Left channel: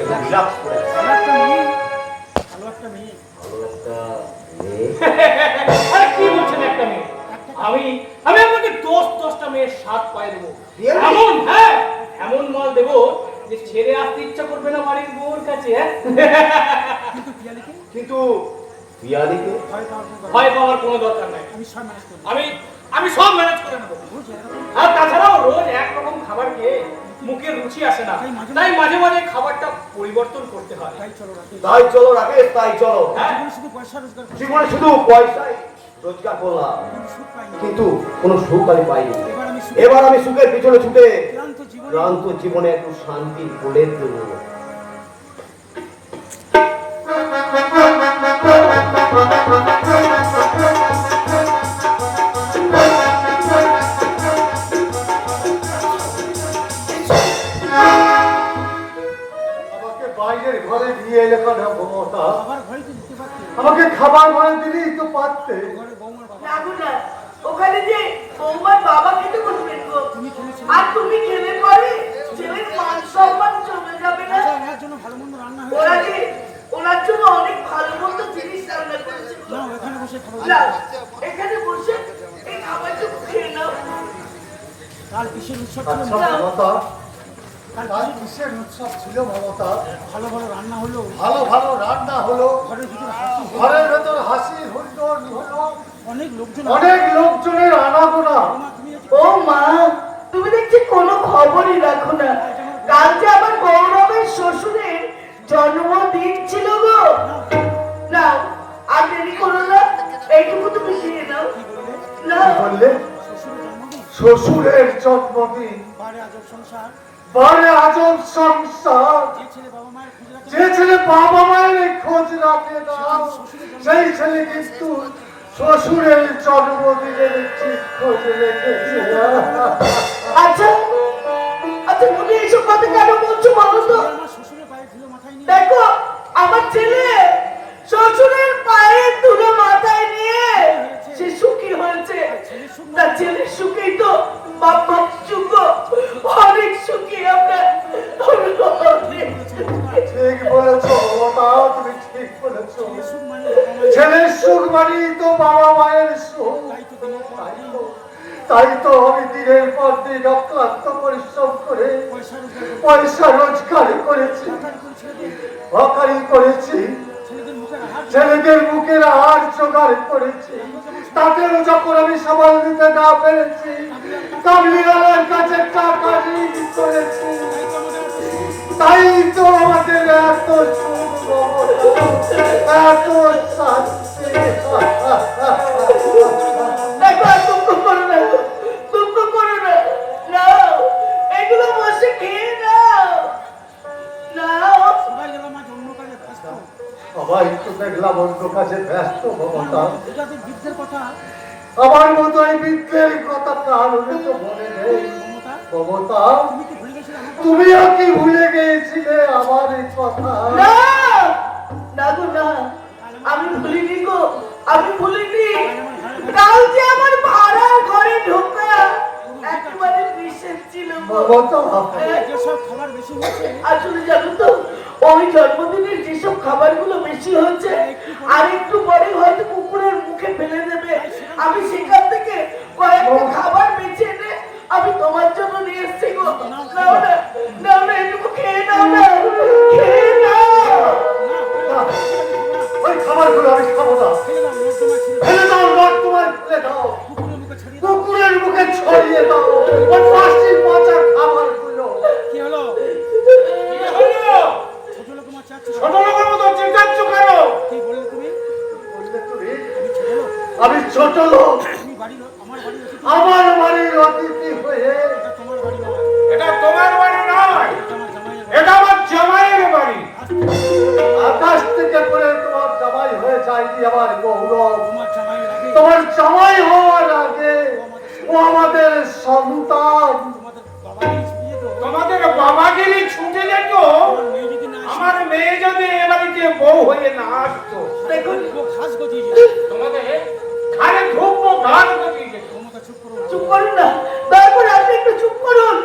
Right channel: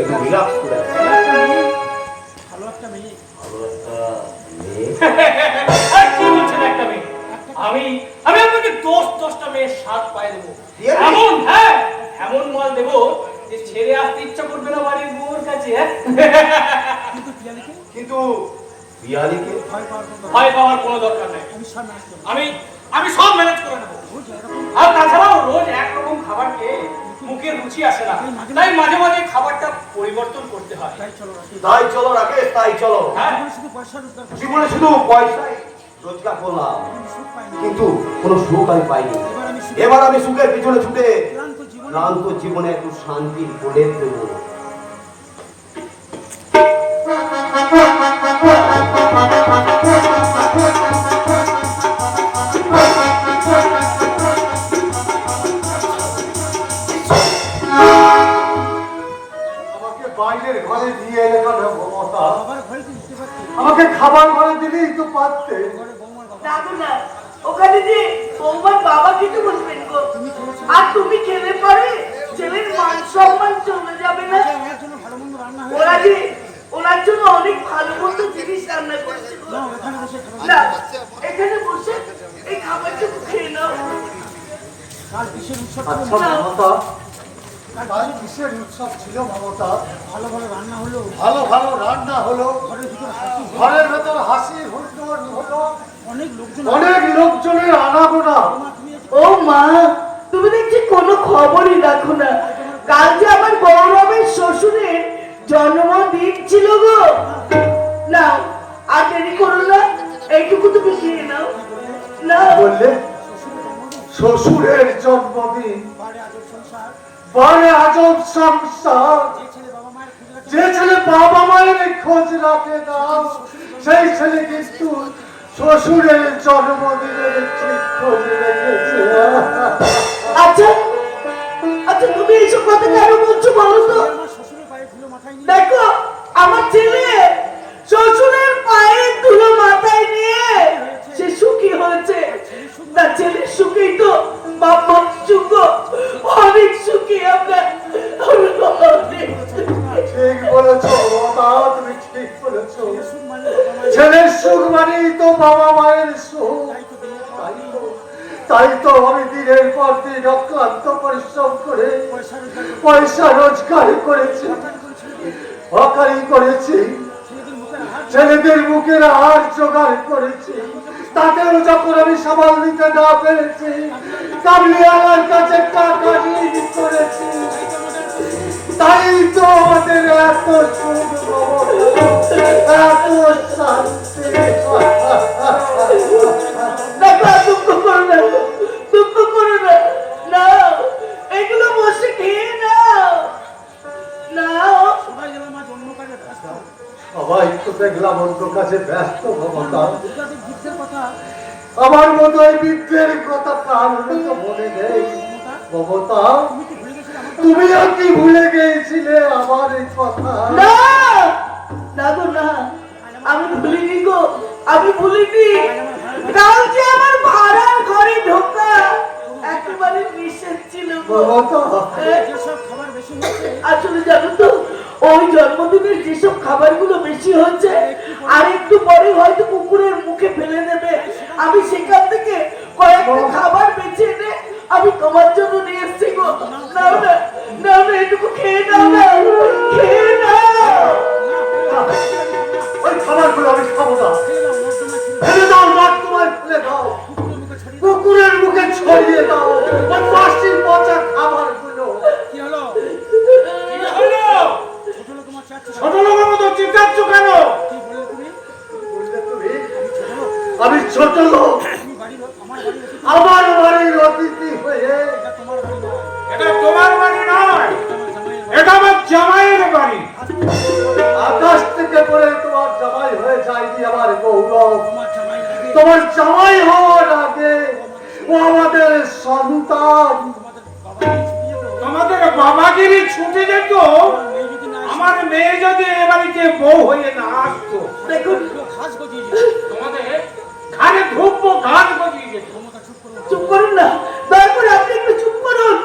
একটু রিল্যাক্স করে। ভালো একটা মেয়ে। কি বলছেন একটা মেয়ে? আমি আপনাকে 10টা মেয়ের স্বাদ পাই দেবো। এমন হ্যাঁ এমন মাল দেবো যে ছেড়ে আসতে ইচ্ছা করবে না বাড়ির বউর কাছে। কিন্তু পিয়ালিকে ভয় পাওয়ার কোনো দরকার নাই। আমি সব ম্যানেজ করে নেবো। আর তাছাড়াও রোজ একরকম খাবার খেয়ে মুখের রুচি আসে না, তাই মাঝে মাঝে খাবারটা পরিবর্তন করতে হয়। তাই চলো রাকেশ, তাই চলো। জীবনে শুধু পয়সাই রোজগার করলাম, কিন্তু কোনো সুখ আমি পাইনি। এবার আমি সুখের পিছনে ছুটে ক্লান্ত জীবনে একটু শান্তি খুঁজে দেবো। বাইরের ঘরে দিয়ে এলে মমতা, আমাকে খাবার ঘরে দিলেই তো পারতে। ওখানে যে তোমার বাবাকে তো বলবেন গো, আর তুমি খেলে পরে ছেলের মান সম্মান চলে যাবে না। ওনার জন্য অনেক ভালো মন্দ জিনিস রান্না করেছে। না এখানে বসে এই খাবারটা খেয়ে নাও। কাল কিসের উৎসব ছিল মমতা? ভালো ভালো রান্না হলো, ঘরের ভেতর হাসি হলো, অনেক লোকজনের আনাগোনা। ও মা, তুমি দেখছি কোনো খবরই রাখো না। কাল যে আমার গৌরবের শ্বশুরের জন্মদিন ছিল গো। নাও আর দেরি করো না, এইটুকু তুমি খেয়ে নাও। না বললে শ্বশুরের জন্মদিন, বারে আজব সংসার। যে ছেলে বাবা মায়ের খোঁজ রাখে না, সেই ছেলে কিন্তু শ্বশুরের জন্মদিনের ঠিক খোঁজ রেখেছে। আচ্ছা আচ্ছা, তুমি এইসব কথা কেন বলছো বলো তো? দেখো আমার ছেলে শ্বশুরের পায়ে ধুলো মাথায় নিয়ে সে সুখী হয়েছে। তার ছেলের সুখেই তো বাপ মা সুখ, অনেক সুখী আমরা। ঠিক বলেছো, তুমি ঠিক বলেছো। ছেলের সুখ মানেই তো বাবা মায়ের সুখ। তাই তো আমি দিনের পর দিন অক্লান্ত পরিশ্রম করে পয়সা রোজগার করেছি, হকারি করেছি, ছেলেদের মুখের আহার জোগাড় করেছি। তাতেও যখন আমি সামাল দিতে না পেরেছি, কাবলিওয়ালার কাছে টাকা ঋণ করেছি। তাই তো আমাদের এত সুখ, এত শান্তি। দুঃখ করো না, নাও এগুলো বসে খেয়ে নাও। নাও সবাই তো দেখলাম অন্য কাছে ব্যস্ত মমতা। আমার মতো এই বৃদ্ধের কথা কারণ তো মনে নেই মমতা। তুমিও কি ভুলে গিয়েছিলে আমার এই কথা? না না গো না, আমি ভুলিনি গো, আমি ভুলিনি। কাল যে আমার ভাড়ার ঘরে ঢোকা একেবারে নিষেধ ছিল। আসলে জানো তো, ওই জন্মদিনের যেসব খাবারগুলো বেশি হয়েছে আর একটু পরে হয়তো কুকুরের মুখে ফেলে দেবে, আমি সেখান থেকে কয়েকটা খাবার বেছে এনে আমি তোমার জন্য নিয়ে এসছি গো। নাও না নাও না, এটুকু খেয়ে নাও না, খেয়ে নাও। ওই খাবারগুলো আমি খাবো না। ফেলে দাও, নাক তোমার ফেলে দাও, কুকুরের মুখে ছড়িয়ে দাও ওই পাঁচটির পচা খাবারগুলো। কি হলো? ছোট লোকের মতো চিন্তাচ্ছ কেন? আমি ছোট লোক, আমার বাড়ির অতিথি হয়ে। এটা তোমার বাড়ি নয়, এটা আমার জামাইয়ের বাড়ি। আকাশ থেকে পড়ে তোমার জামাই হয়ে যায়নি আমার গৌরব। তোমার জামাই হওয়ার আগে ও আমাদের সন্তান। তোমাদের বাবাগিরি ছুটে যেত, আমার মেয়ে যদি এ বাড়িতে বউ হয়ে না আসতো। দেখুন তোমাদের ঘাড়ে ধূপ ঘাট গজিয়ে যেত। চুপ করুন না, দয়া করে আপনি একটু চুপ করুন।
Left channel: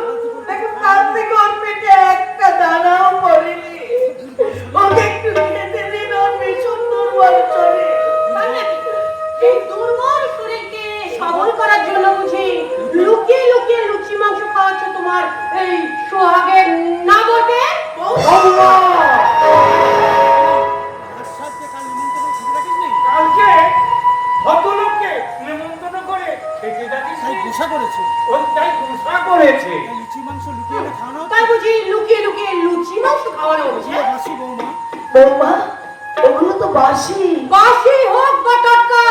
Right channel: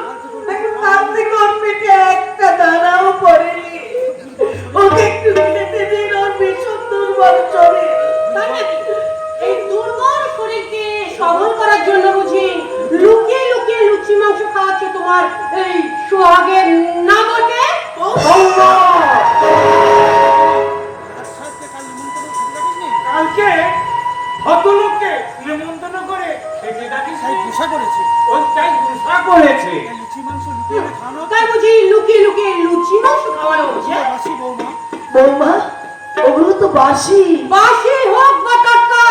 দেখুন তার থেকে ওর পেটে একটা দানাও পড়েনি। বাসি বাসি হোক বা টাটকা,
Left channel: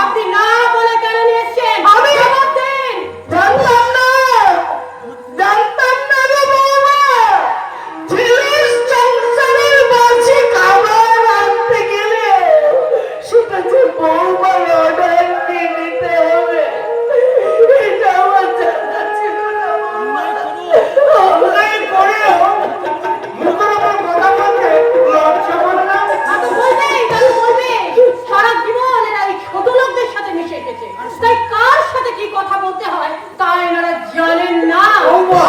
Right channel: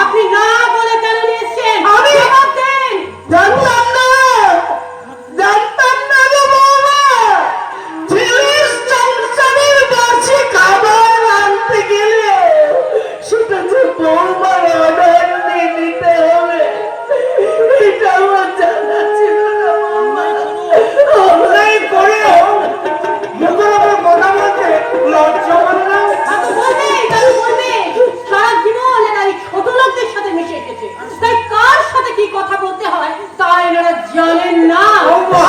আপনি না বলে কেন নিয়ে এসেছেন? আমি জবাব দিন। জানতাম না, জানতাম না গো বৌমা, ছেলের সংসারের বাসি খাবার আনতে গেলে সেটা যে বৌমার অর্ডার নিয়ে নিতে হবে, এটা আমার জানা ছিল না। অন্যায় করে মুখের উপর কথা বলতে লজ্জা করে না? দাদু বলবে, সারা জীবন এরা এই ছোট লোকদের সাথে মিশে এসেছে, তাই কার সাথে কি কথা বলতে হয় তা এনারা জানেন না।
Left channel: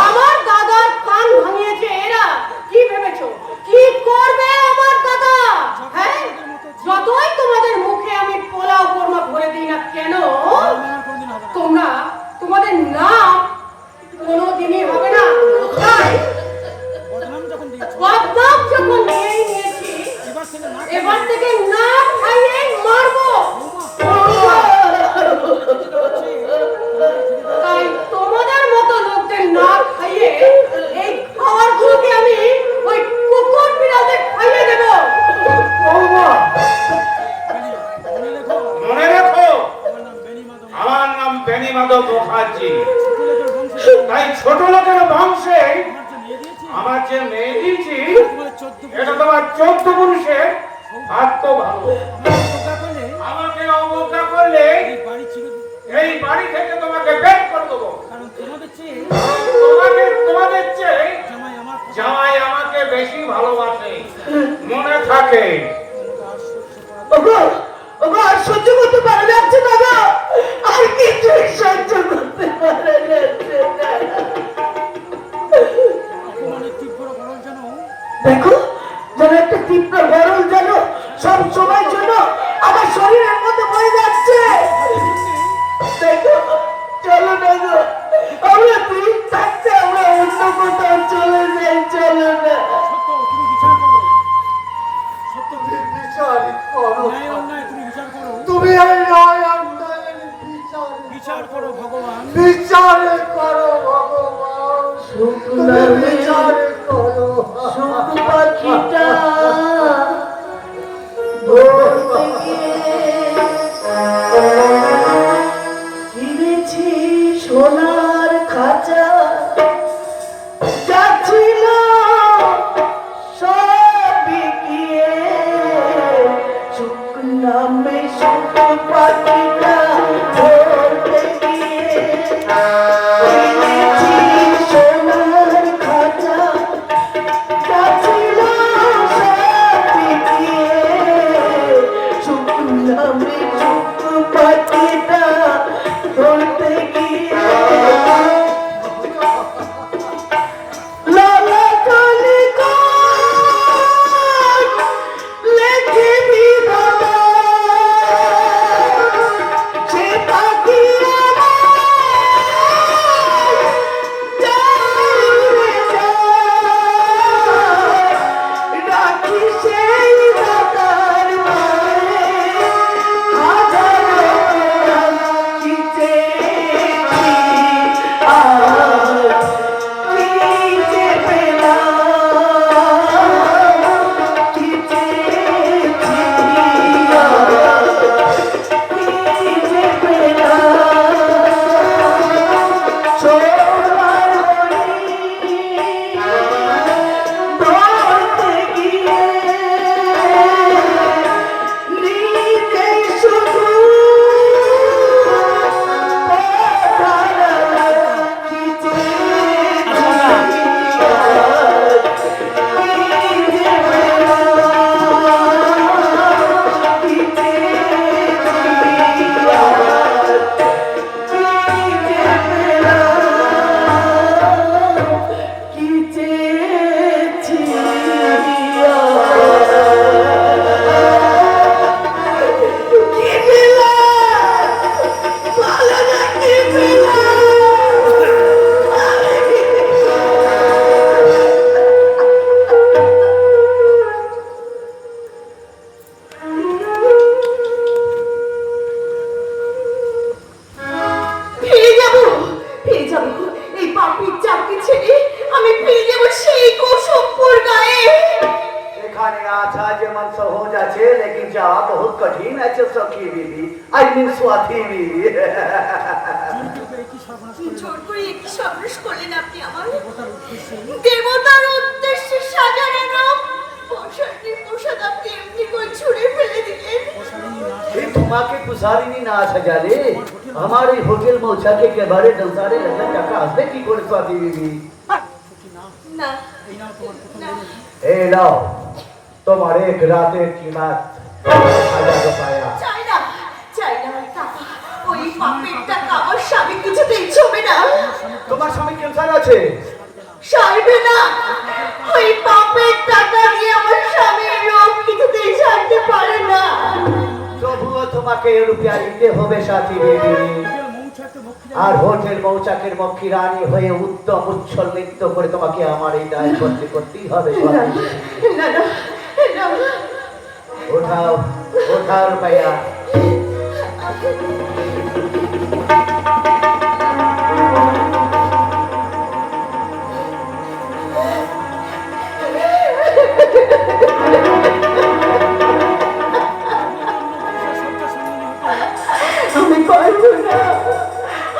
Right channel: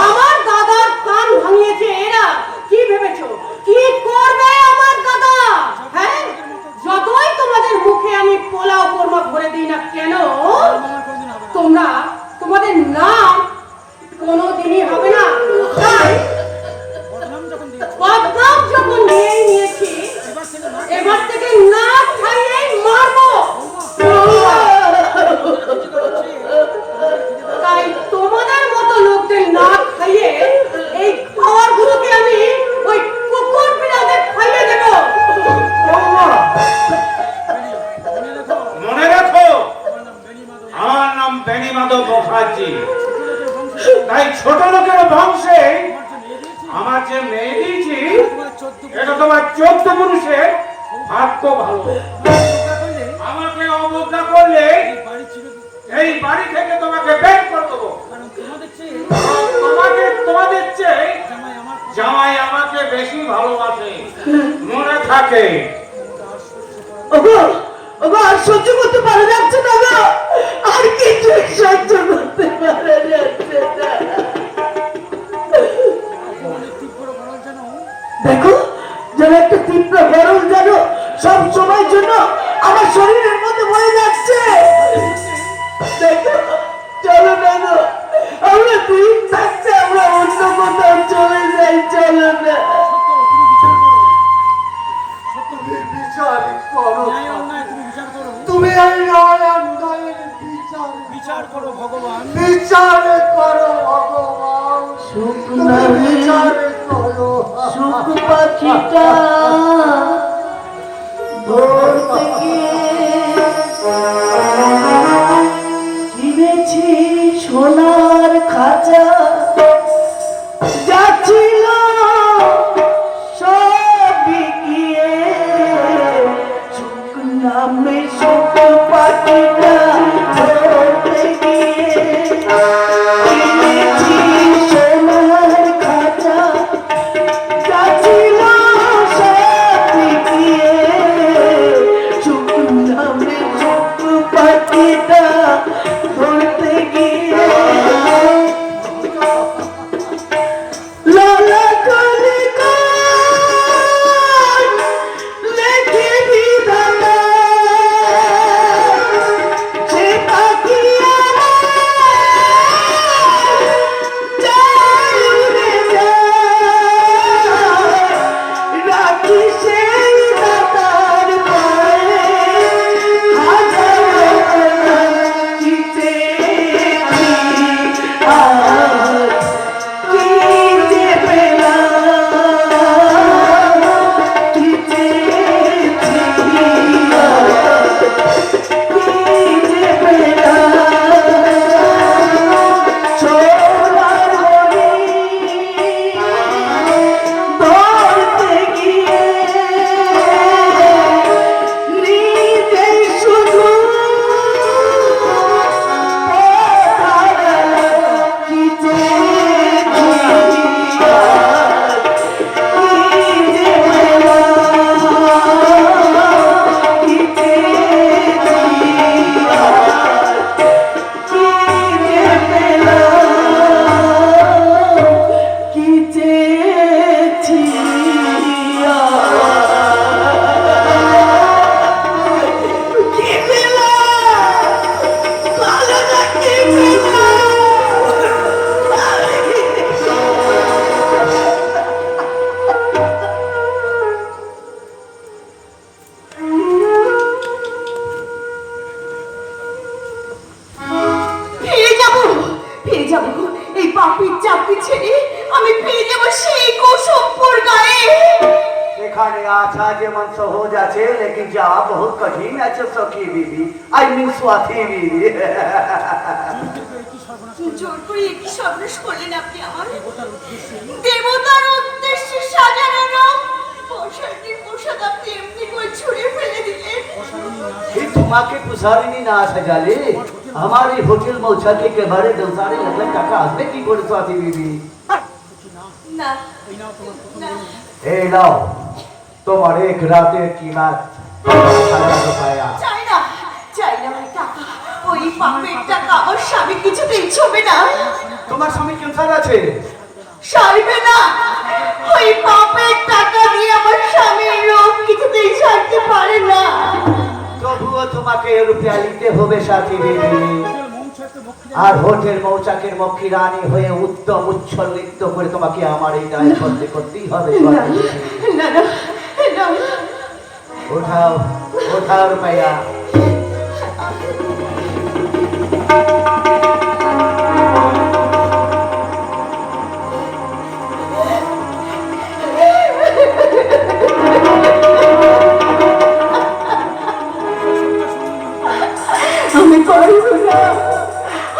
আমার দাদার কান ভাঙিয়েছে এরা। কি ভেবেছো কি করবে আমার দাদা? হ্যাঁ, যতই তোমাদের মুখে আমি পোলাও কোরমা ভরে দিই না কেন, তোমরা তোমাদের নাম কোনোদিনই হবে না। তাই বদনাম যখন নিয়ে নিয়েছি, এবার থেকে না খাইয়েই মারবো। তাই তোমাদের মতো লোকদের না খাইয়ে এই খাবারগুলোকে আমি ওই কুকুর বিড়ালদের খাইয়ে দেবো। বৌমা, মনে রেখো আমার নাম বেনি মাধব মুখার্জি। তাই ছোট লোকের বংশে আমার যে মেয়ে দিয়েছি, এটা তোমার 14 পুরুষের ভাগ্য ভালো। আমাকে অবজ্ঞা করলে এই বাড়ি থেকে তোমাকে বের করে দেবো। তোমাদের চেয়ে জামাই আমাকে বেশি ভালোবাসে, মনে থাকে। ওগো, ওগো, আর সহ্য করতে পারা যাচ্ছে না গো, আর কিছুই সহ্য করতে পারা যাচ্ছে না। দেখো, যেন একটা তীব্র গরম যেন সব সময়ের জন্য আমার শরীরের মধ্যে বয়ে যাচ্ছে। দেখো, চলো না গো, আমরা দিন থাকতে আমরা অন্য কোথাও চলে যাই, চলো না। তুমি বিচার করো, তুমি এই অন্যায়ের বিচার করো ভগবান, বিচার করো ভগবান, তুমি বিচার করো। শুধু পাখিটা ধরতে গিয়ে কিনেছি সোনার খাঁচা, যাচ্ছিল সবই গিয়ে, সুখ নামে সুখ পাখিটা ধরতে গিয়ে কিনেছি সোনার খাঁচা, যাচ্ছিল हमारे आशा जेमन सहज আছে लेकिन जावा बहुत कठिन আছে सखी बीबी आई मीन स्वाति बीबी জোর করে একই সর্বনাশ করলেন আপনি আমার দেবতার উদ্দেশ্যে সাজানো পোশাকটি পোশাক আপনি এমনি করে ছুঁড়ে ফেলে দিলেন ये तुम्हारे पुसारिनी ना सजाले हमारी होटल पहुंचा के बारे दंसारे लगन टाका আসবে কি করে स्वाति बीबी না না ए लाओ तुम्हारे एक रातेर कीमत 1000 बताया চাই না আমার টাকা ওই পাপের টাকা আমার স্বামী কিছুতেই ছবে না তোমার স্বামী ক্যান্সার আছে সারবে না ওই পাপের টাকা দিয়ে আমার স্বামীর রোগ কিছুতেই ছাড়তে পারে না তবুও তোমাকে রুপিয়া দিতে হবে সাথী বেবি আর হোটেল মৌচাকের মক্ষী রানী হয়ে উত্তম উচ্ছল নৃত্য করে তোমাকে আমার এই দায় করতেই হবে না না না উঠাও উঠাও রুপিয়া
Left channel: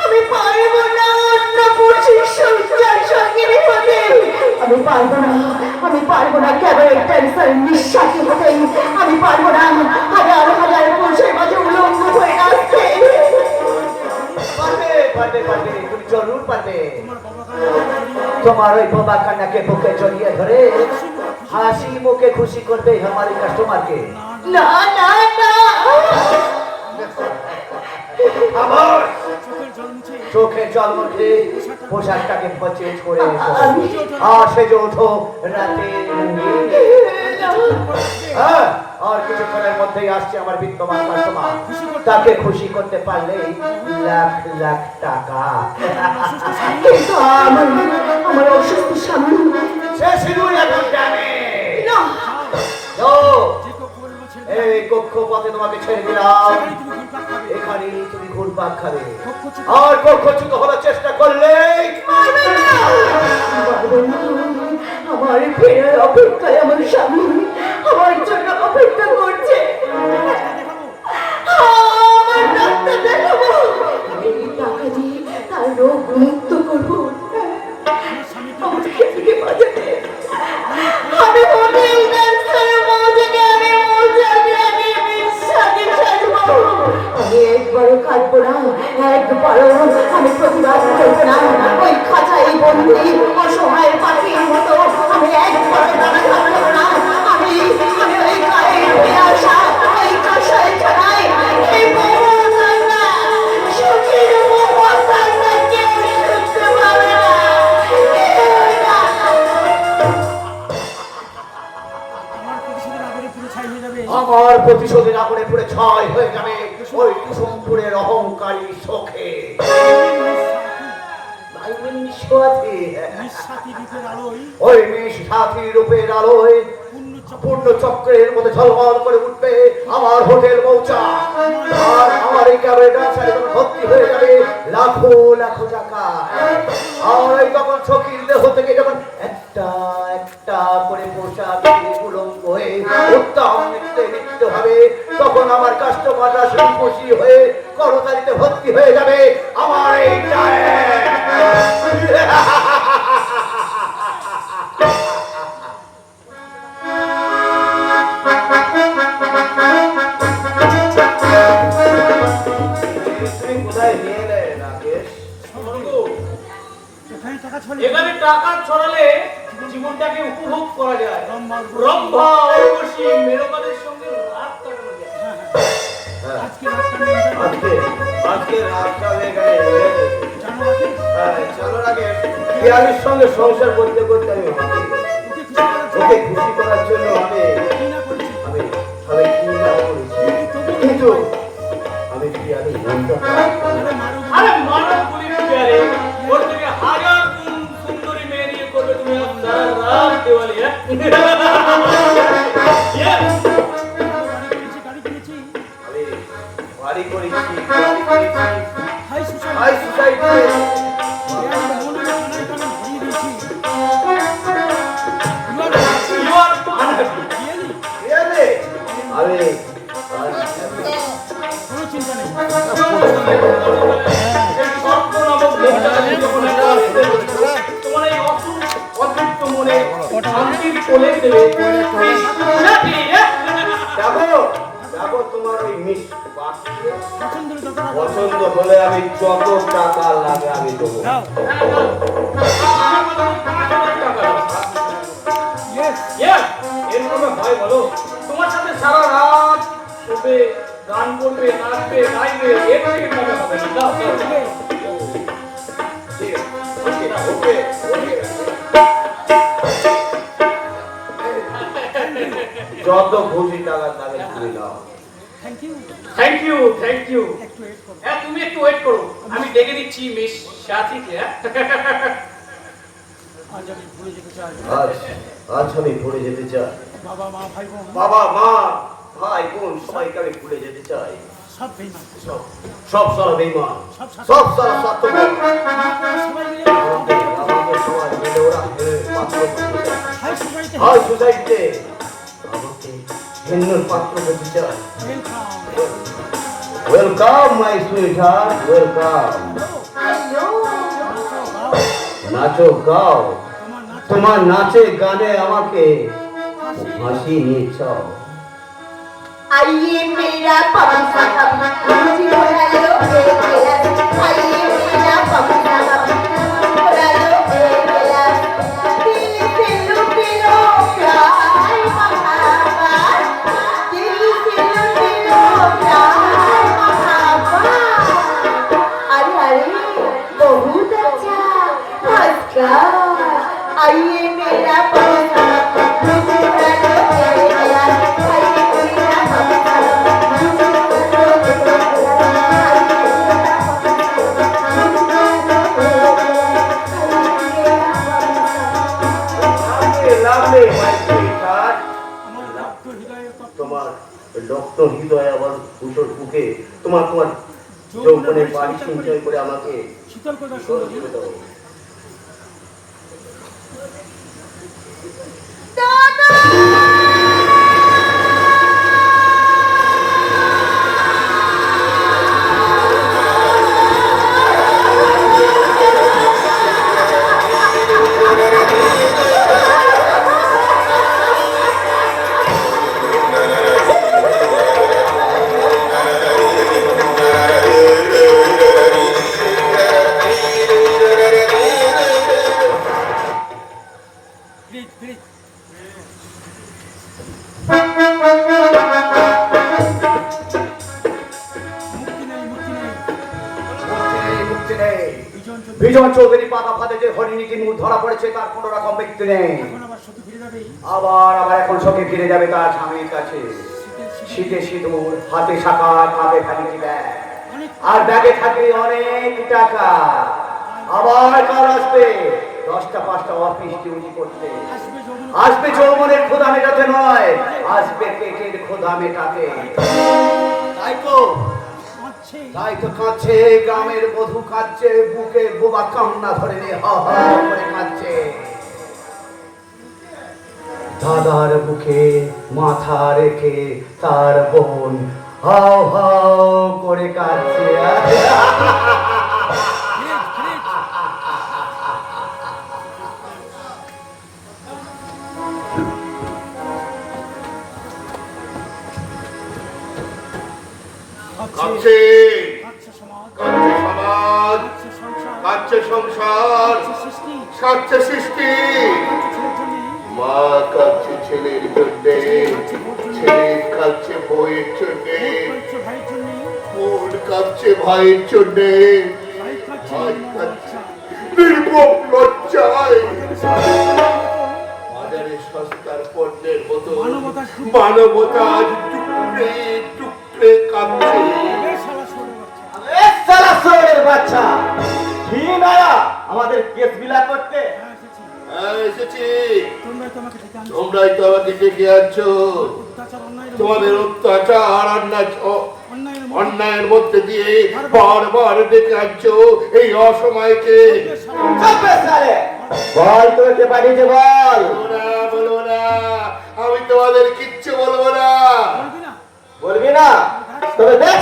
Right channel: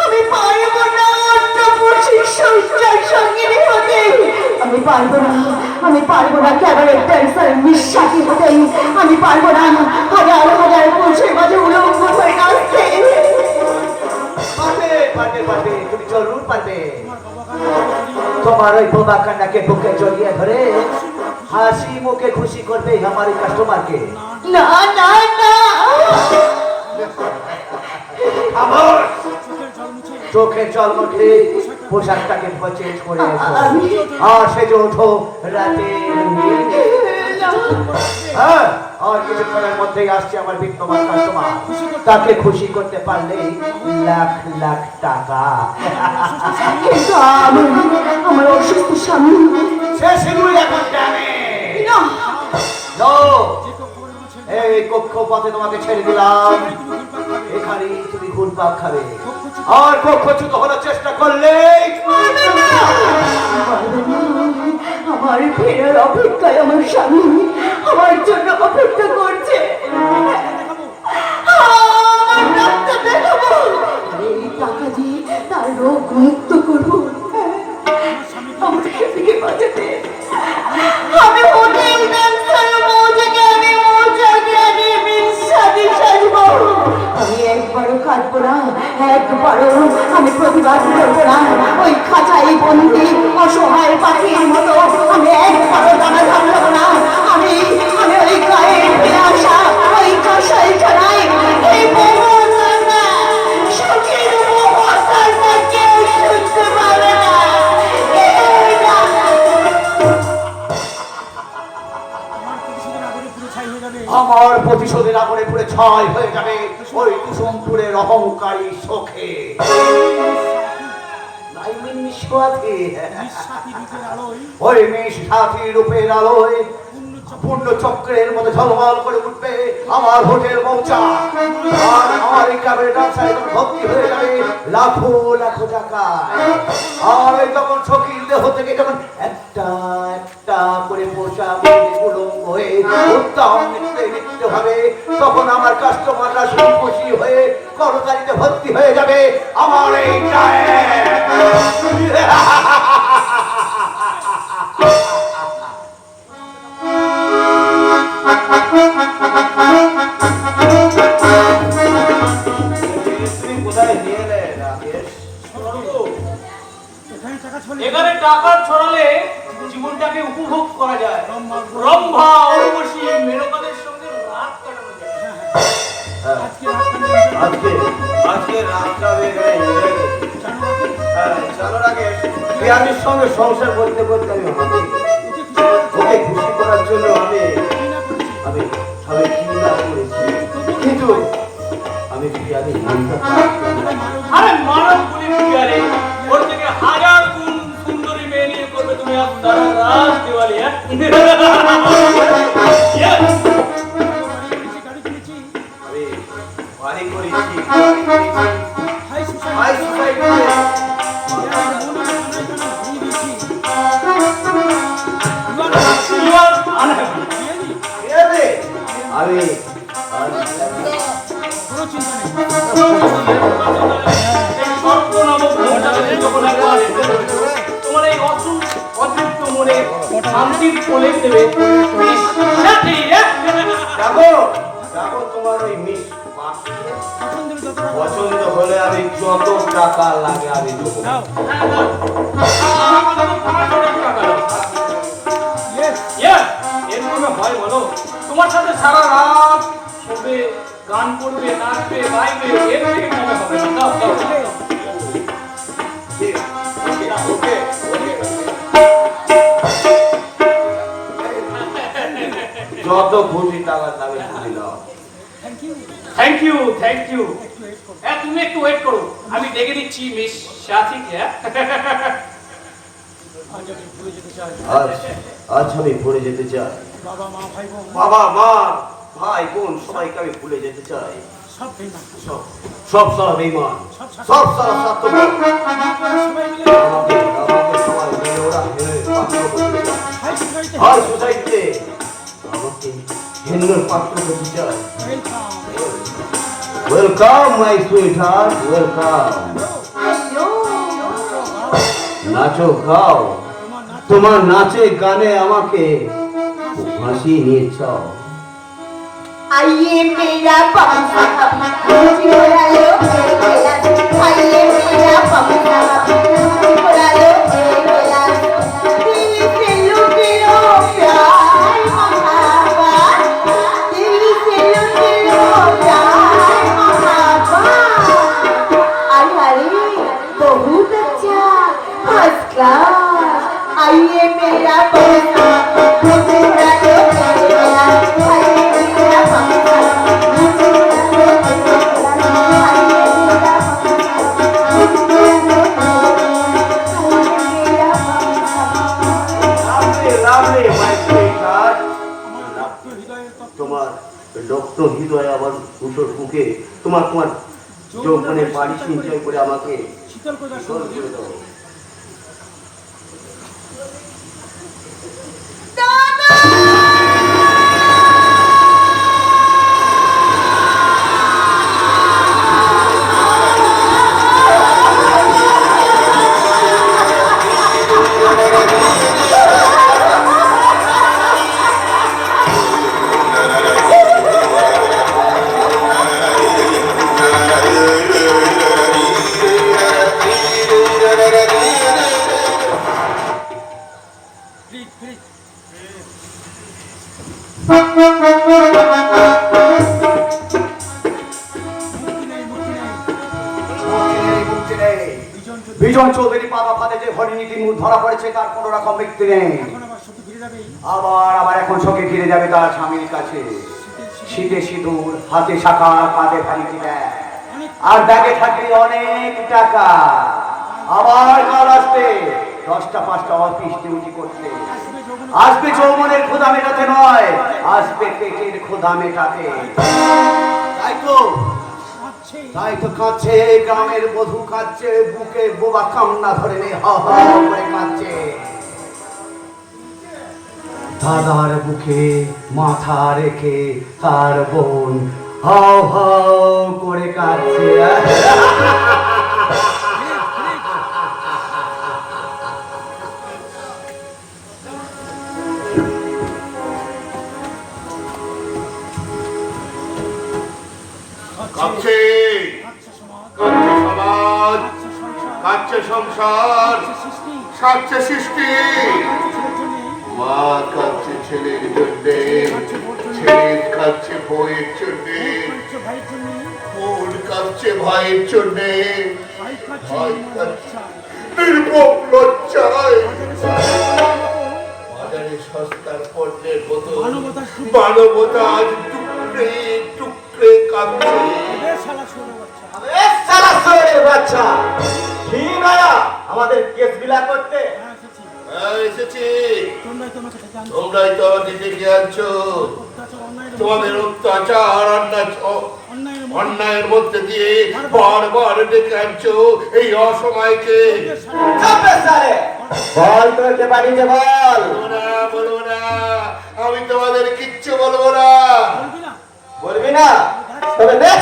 আমি পারবো না অন্য পুরুষের সংসার সঙ্গিনী হতে আমি পারবো না কেবল ক্যান্সার নিঃশ্বাসী হতে আমি পারবো না হাজার পুরুষের মাঝে উলঙ্গ হয়ে নাচতে পারবে তুমি জরুর পারবে তোমার ওই বোবা কান্নাকে বুকে জড়িয়ে ধরে হাসি মুখে খুশি করবে আমার কাস্টমারকে না না না আমার চোখে জল মুখে পোশাকটাকে চেঞ্জ করে এসো আর সেজে ওঠো রাতে হ্যাঁ আর কিছুক্ষণের মধ্যেই আসছে আমার বিদ্যমান কাস্টমার তাকে খুশি করতে পারলে লাখ লাখ টাকা কিন্তু আমার অসুস্থ স্বামী সে সিঁদুর এখন জানে না এই কক্ষপথে তোমাকে ছেড়ে দিলাম এখানে তুমি ঘুরপাক খাবে আর কক্ষচ্যুত হওয়ার চেষ্টা করলে আমার ফেরার অপেক্ষায় আমার স্বামী আমার জন্য অপেক্ষা করছে আমার ডাক্তার দেখাবো এই টাকা দিয়ে তার রোগ মুক্ত করবো আমাকে থেকে বাঁচাতে আমি হোটেল ক্যান্সারের মৌজাকে আমি বিশ্বাসী সাজবো আমি একবারও কাটবো না একবারও আমি প্রতিবাদ করবো না ওই খাঁচাই বন্দি অসহায় পাখির মতো আমি একবারও দাঁড়া থাকবো না আমি ওই গায়ের ফিরে আসা ওই কাঁসাই ছাড়াই এই মোহনা সুখের মোহনা কেউ শুনতে পারে না আমার প্রতিশোধের আগুনে পুড়ে ছাই হয়ে যাবে ওই কুসুমপুরের অহংকারী শোকে ওই নিঃস্বাথী রূপের আলোয় পূর্ণ চক্রের মধ্যে ঝলমল করে উঠবে আমার হোটেল মৌচা আর আমার এই ক্যাবেটার ভর্তি হয়ে যাবে লাখো লাখো টাকা আর ওই তখন সখীর দেহ থেকে যখন একটা একটা করে পোষা উলঙ্গ হয়ে উত্তম নৃত্য হবে তখন আমার কাস্টমাররা খুশি হয়ে করতালিতে ভর্তি হয়ে যাবে আমার এই এখানে টাকা ছড়ালে জীবনটাকে উপভোগ করা যায় রম্ভা উর্বশী মেনকাদের সঙ্গে রাত কাটানো যায় আজকে রাতটা চলো আগে বিহারির সঙ্গে সংসার করতে করতে আমি ওকে খুশি করার জন্য আমি সবাই চিন্তা করেছি কিন্তু আমি বিহারি আরে মানব বলি বিহারে ওর থেকে হাজার গুণ সুন্দরী মেয়ে নিয়ে করবে তুমি আজ সারা রাত দেওয়ালি হ্যাঁ বাড়ি করেছি high society You are unhappy. বলে আমি যত টাকা লাগে আমি দেবো। না, না, আমার কথা তো 5,000 টাকা দাও। Yes, এরকম হয় বলো? তোমার সাথে সারা রাত শোবে, গান করবে, নাচবে, গাইবে, এর থেকে মজা হবে না। দাও, দাও। ঠিক আছে, ওকে, যত খুশি টাকার দামে তুমি নাও। Thank you, thank you. হ্যাঁ, তুমি একটু ওয়েট করো, আমি ডেকে দিচ্ছি মিস সাথীকে। আজ আমি ভরে যেতে চাই। বাবা মা ভাই বোন সবাইকে আমি ভুলে যেতে চাই। সব সারা বেঈমান, সব সারা স্বার্থপর। আমাকে সবাই মিলে ওরা মেরে পাকড় করতে চায়। হাই সোসাইটিতে আমাকে হিন্দুর পাকড় করতে চায়। Welcome my sweetheart, welcome. নাচো গাও, তোমার নাচে গানে আমাকে হাসি নিয়ে চাও। आइए मेरा पासा मुझे बुला लो आइए मेरा पासा मुझे बुला लो दिल से लूटे लो प्यार महाबत दिल से लूटे लो प्यार महाबत अरे बहुत अच्छा फर्स्ट क्लास आइए मेरा पासा मुझे बुला लो তোমার রক্ত হৃদয় আবার উঠোর বুকে তোমার তোমার যৌবনের পানি সঞ্চয় করে আমাকে শীতল করে দাও। বিজন চৌধুরী পাতা ফাতে যে হরিণীটি মুখ ধরা পড়েছে তার কোনো রকম ব্যক্তি নেই। আবার এখন সঙ্গে ফিরে যাবে তার স্বামীর কাছে। শীতে সিঁদুর, হাতে শাখা, কাঁধে ভারী ব্যাগ, আর ব্যাগে থাকে অনেক টাকা। আবার কাল আসবে 10টা 5টা অফিস ডিউটি করতে। আসবে যৌবনের ক্ষুধা মেটাতে নয়, আসবে পেটের ক্ষুধা মেটাতে। তাই তো কাঁদছে গ্রামের বধূ, কাঁদছে বুকে বোবা কান্না ধরে নে হা হা করে কাঁদছে। দাদার বুকে মাথা রেখে তার বোন হাও হাও করে কাঁদছে। কাঁদছে সমাজ, কাঁদছে সংসার, কাঁদছে সৃষ্টি। মা কাঁদছে ছেলের জন্যে, ছেলে কাঁদছে বউয়ের জন্যে, বোন কাঁদছে ভাইয়ের জন্যে, ভাই কাঁদছে নির্মম লজ্জায়। বাজারে সস্তার পণ্যের মতো মানবতা আজ টুকরে টুকরে কাঁদছে। বাচ্চা আমাদের কেস বিলা করতে এসেছি। তোমরাই তো আমাকে ডেকে আনছো। তোমাদের অত্যাচার অন্যায়ের মধ্যে দিয়ে বারবার ডেকে আনছো এই অসময়কে। বল করতে পারি যে বল। বলবো না, আমি তোমাদের কিচ্ছু বলবো না। বলবি না? তবে দেখ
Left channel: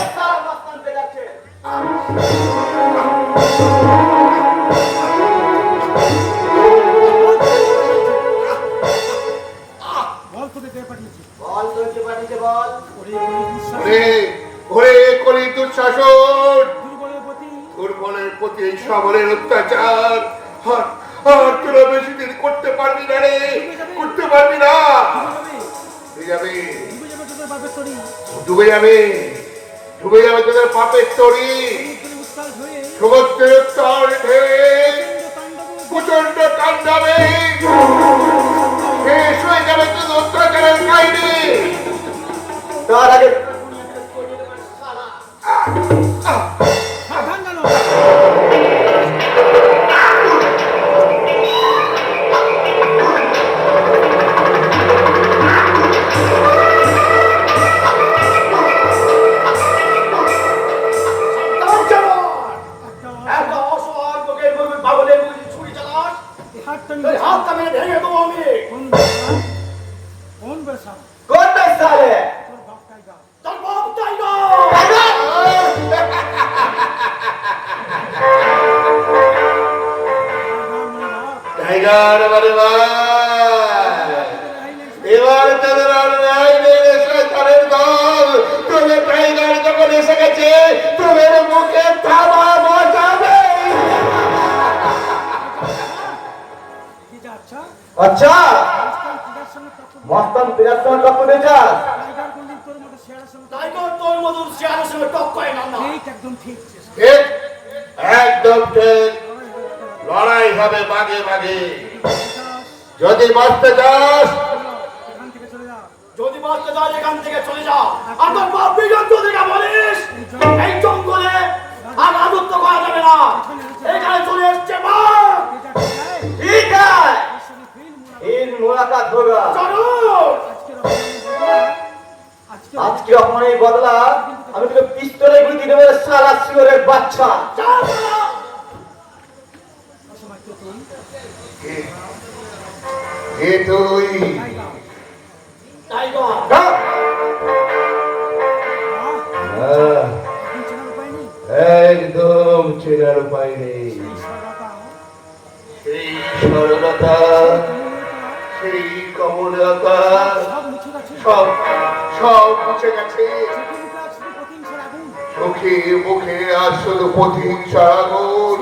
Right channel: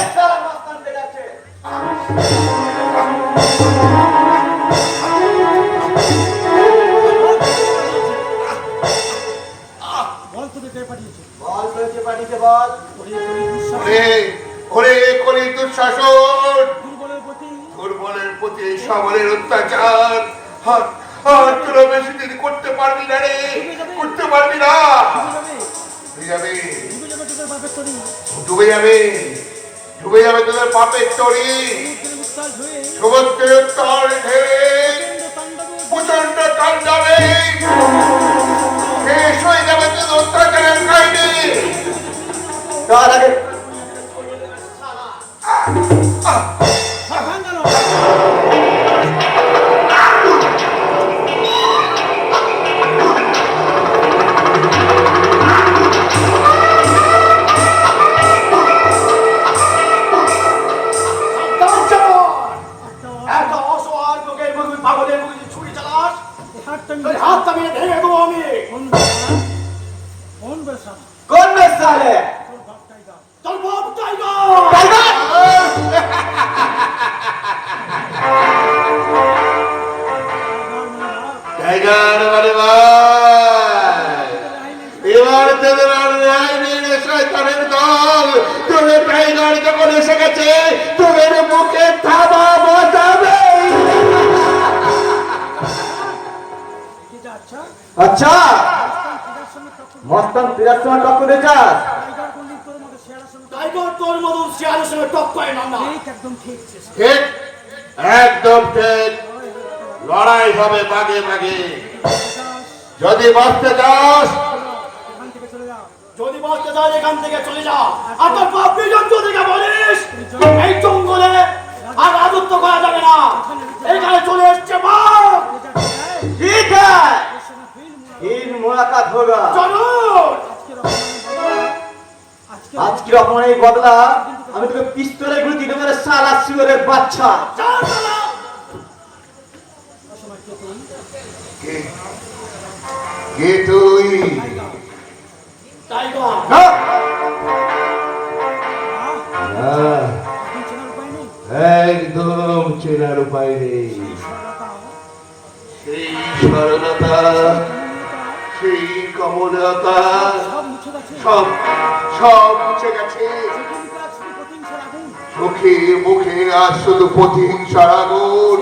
ওরে কলি দুঃশাসন, প্রতি এই সকলের অত্যাচার আর তোরা বেশি দিন করতে পারবি না রে, করতে পারবি না। ডুবে যাবে ডুবে যাবে তোদের পাপের তরি। সমুদ্রের তল ঢেলে প্রচন্ড তাণ্ডবে শেষ হয়ে যাবে তোদের অত্যাচারের কাহিনী। তার আগে কোন সালে টাইগার এবার তাদের আর ন্যায় নেই রে শয়তানের দল। তোদের টাইগার যখন এসে গেছে তোদের মুখে থাবা বাজাবে। আচ্ছা মস্তান পিরাসমান টক্কর দিয়েছা টাইগার তোর মতন শেয়ারের সঙ্গে টক করে না। ঠিক একদম ঠিক। লড়াই হবে মাঝে মাঝে। যদি বাঁচতে চাস যদি বাঁচতে চাস এখান থেকে চলে যা। আর তোর পাপড়ি জন্তু থেকে বলিস এই জঙ্গলে আর রাজত্ব করা যাবে না। এখানে চলে এসছে বাঘ। ঠিক আছে फिर मुलाकात होगा চলুন। আজকে অপমানের বদলা আমি তোকে পিস্তলে গুলি দিতে পারে শালা শিওরের বাচ্চা। যা শালা। কে তুই? টাইগার একদম চেনার উপায় নেই। সেই সরলতা সেই কমলতা সব সব মুছে গেছে। চোখে মুখে আর শুধু প্রতিহিংসার আগুন।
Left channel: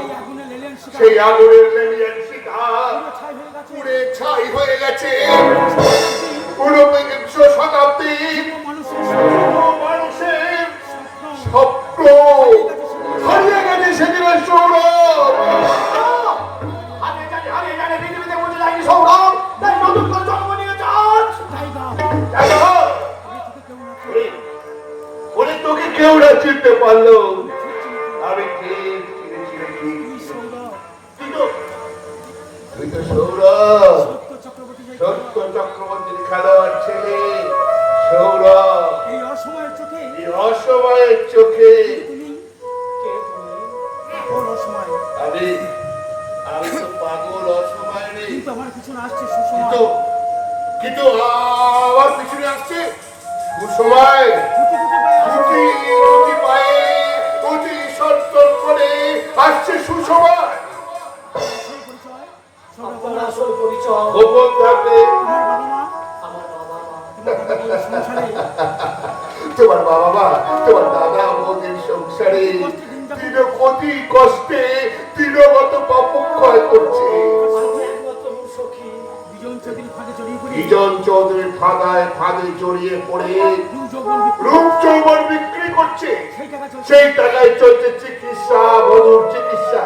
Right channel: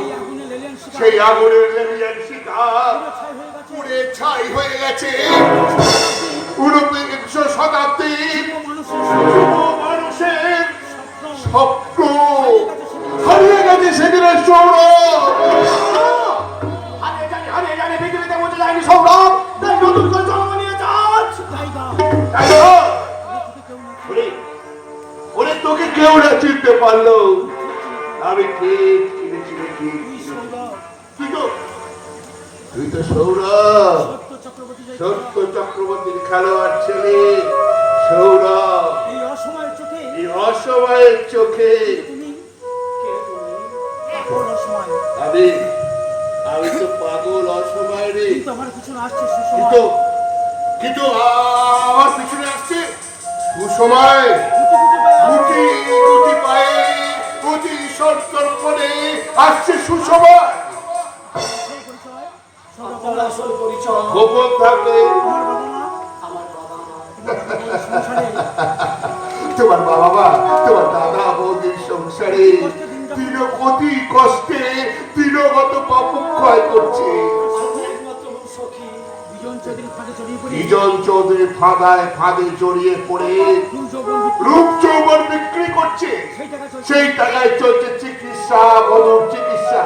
সেই আগুনের লেলিয়ান শিকার পুড়ে ছাই হয়ে গেছে। ঊনবিংশ শতাব্দীর মানুষের স্বপ্ন হারিয়ে গেছে সেদিনের সৌরভ। পৃথিবীতে মধ্যে যায়নি সৌরভ, তাই নতুন করে জন্ম নিয়ে যাচ্ছ। ওরে তোকে কেউ না চিনতে পারলো। আমি ঠিক চিনেছি। তুই তো সৌরভ, সত্য চক্রবর্তীর খেলোয়াড় ছেলে সৌরভ। এই অসময়ের চোখে আমি তো পাগল অসময় রে। কিন্তু আমার পিছনে আসছে সুসময়। গুটি গুটি পায়ে অতি সত্তর করে আসছে সুসময়। আসল পরিচয় গোপন থাকবে। তোমার বাবা মা তোমার দাদা বৌদির সংসারে দিনপতি কষ্টে দিনগত পাপক্ষয় করছে। বিজন চৌধুরীর ফাঁদে জড়িয়ে পড়ে রূপ যৌবন বিক্রি করছে। সেই টাকায় চলছে চিকিৎসা, মধুর চিকিৎসা।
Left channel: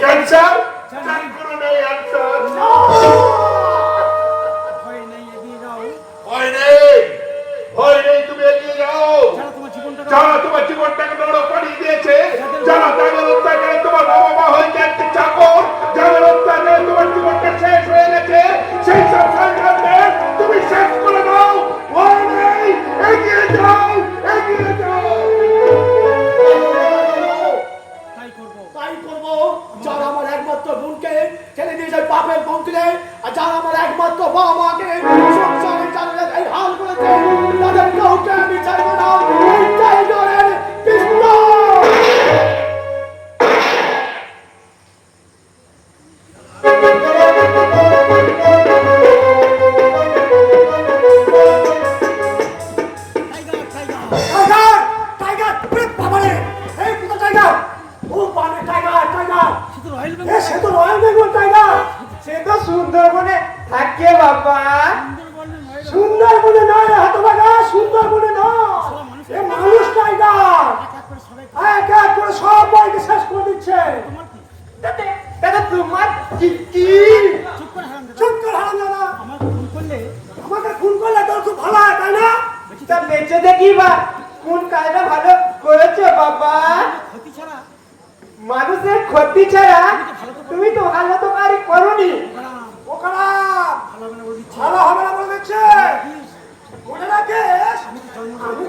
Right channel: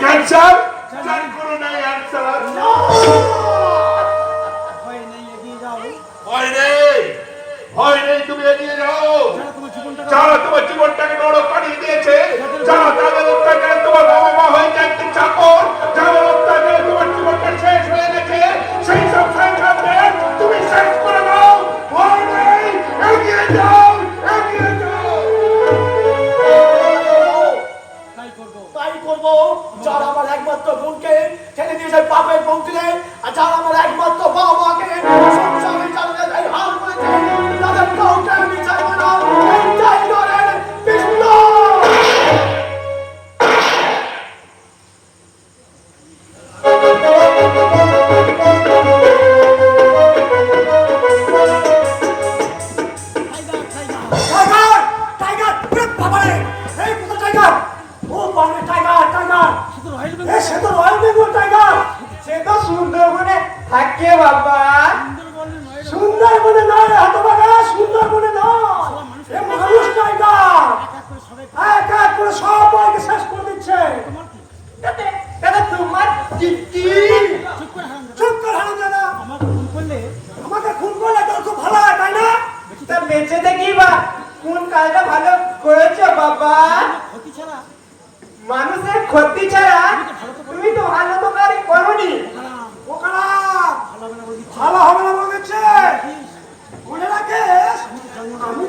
ক্যান্সার কোনো নেই অ্যান্সার। ভয় নেই তুমি এগিয়ে যাও। যারা তোমার জীবনটাকে নরক বানিয়ে দিয়েছে, যারা তাদের অত্যাচারে তোমার বাবা মা হয়েছে একটি চাকর, যাদের অত্যাচারে তোমার জীবনটা শেষ হয়ে গেছে, সেই সব সরকারকে তুমি শেষ করে দাও। ভয় নেই, এগিয়ে যাও, এগিয়ে যাও। তাই করবো যারা আমার একমাত্র বলে না, এ মানুষ টাইগার। এক এক করে সবাইকে শেষ করে দিচ্ছে। দাদা তোমার কি চুপ কর হারামজাদা। আমাকে খুন করলে তোর খুব ভালো হয়, তাই না? তা বেঁচে দেখি বা কোন কাজটা ভালো করেছো বাবা? মানুষের ক্ষতি ছাড়া তুমি তো ভালো তো কারি করোনি। ও খারাপ, ভালো হবে না বলে দিচ্ছে। মনে রাখিস, আমি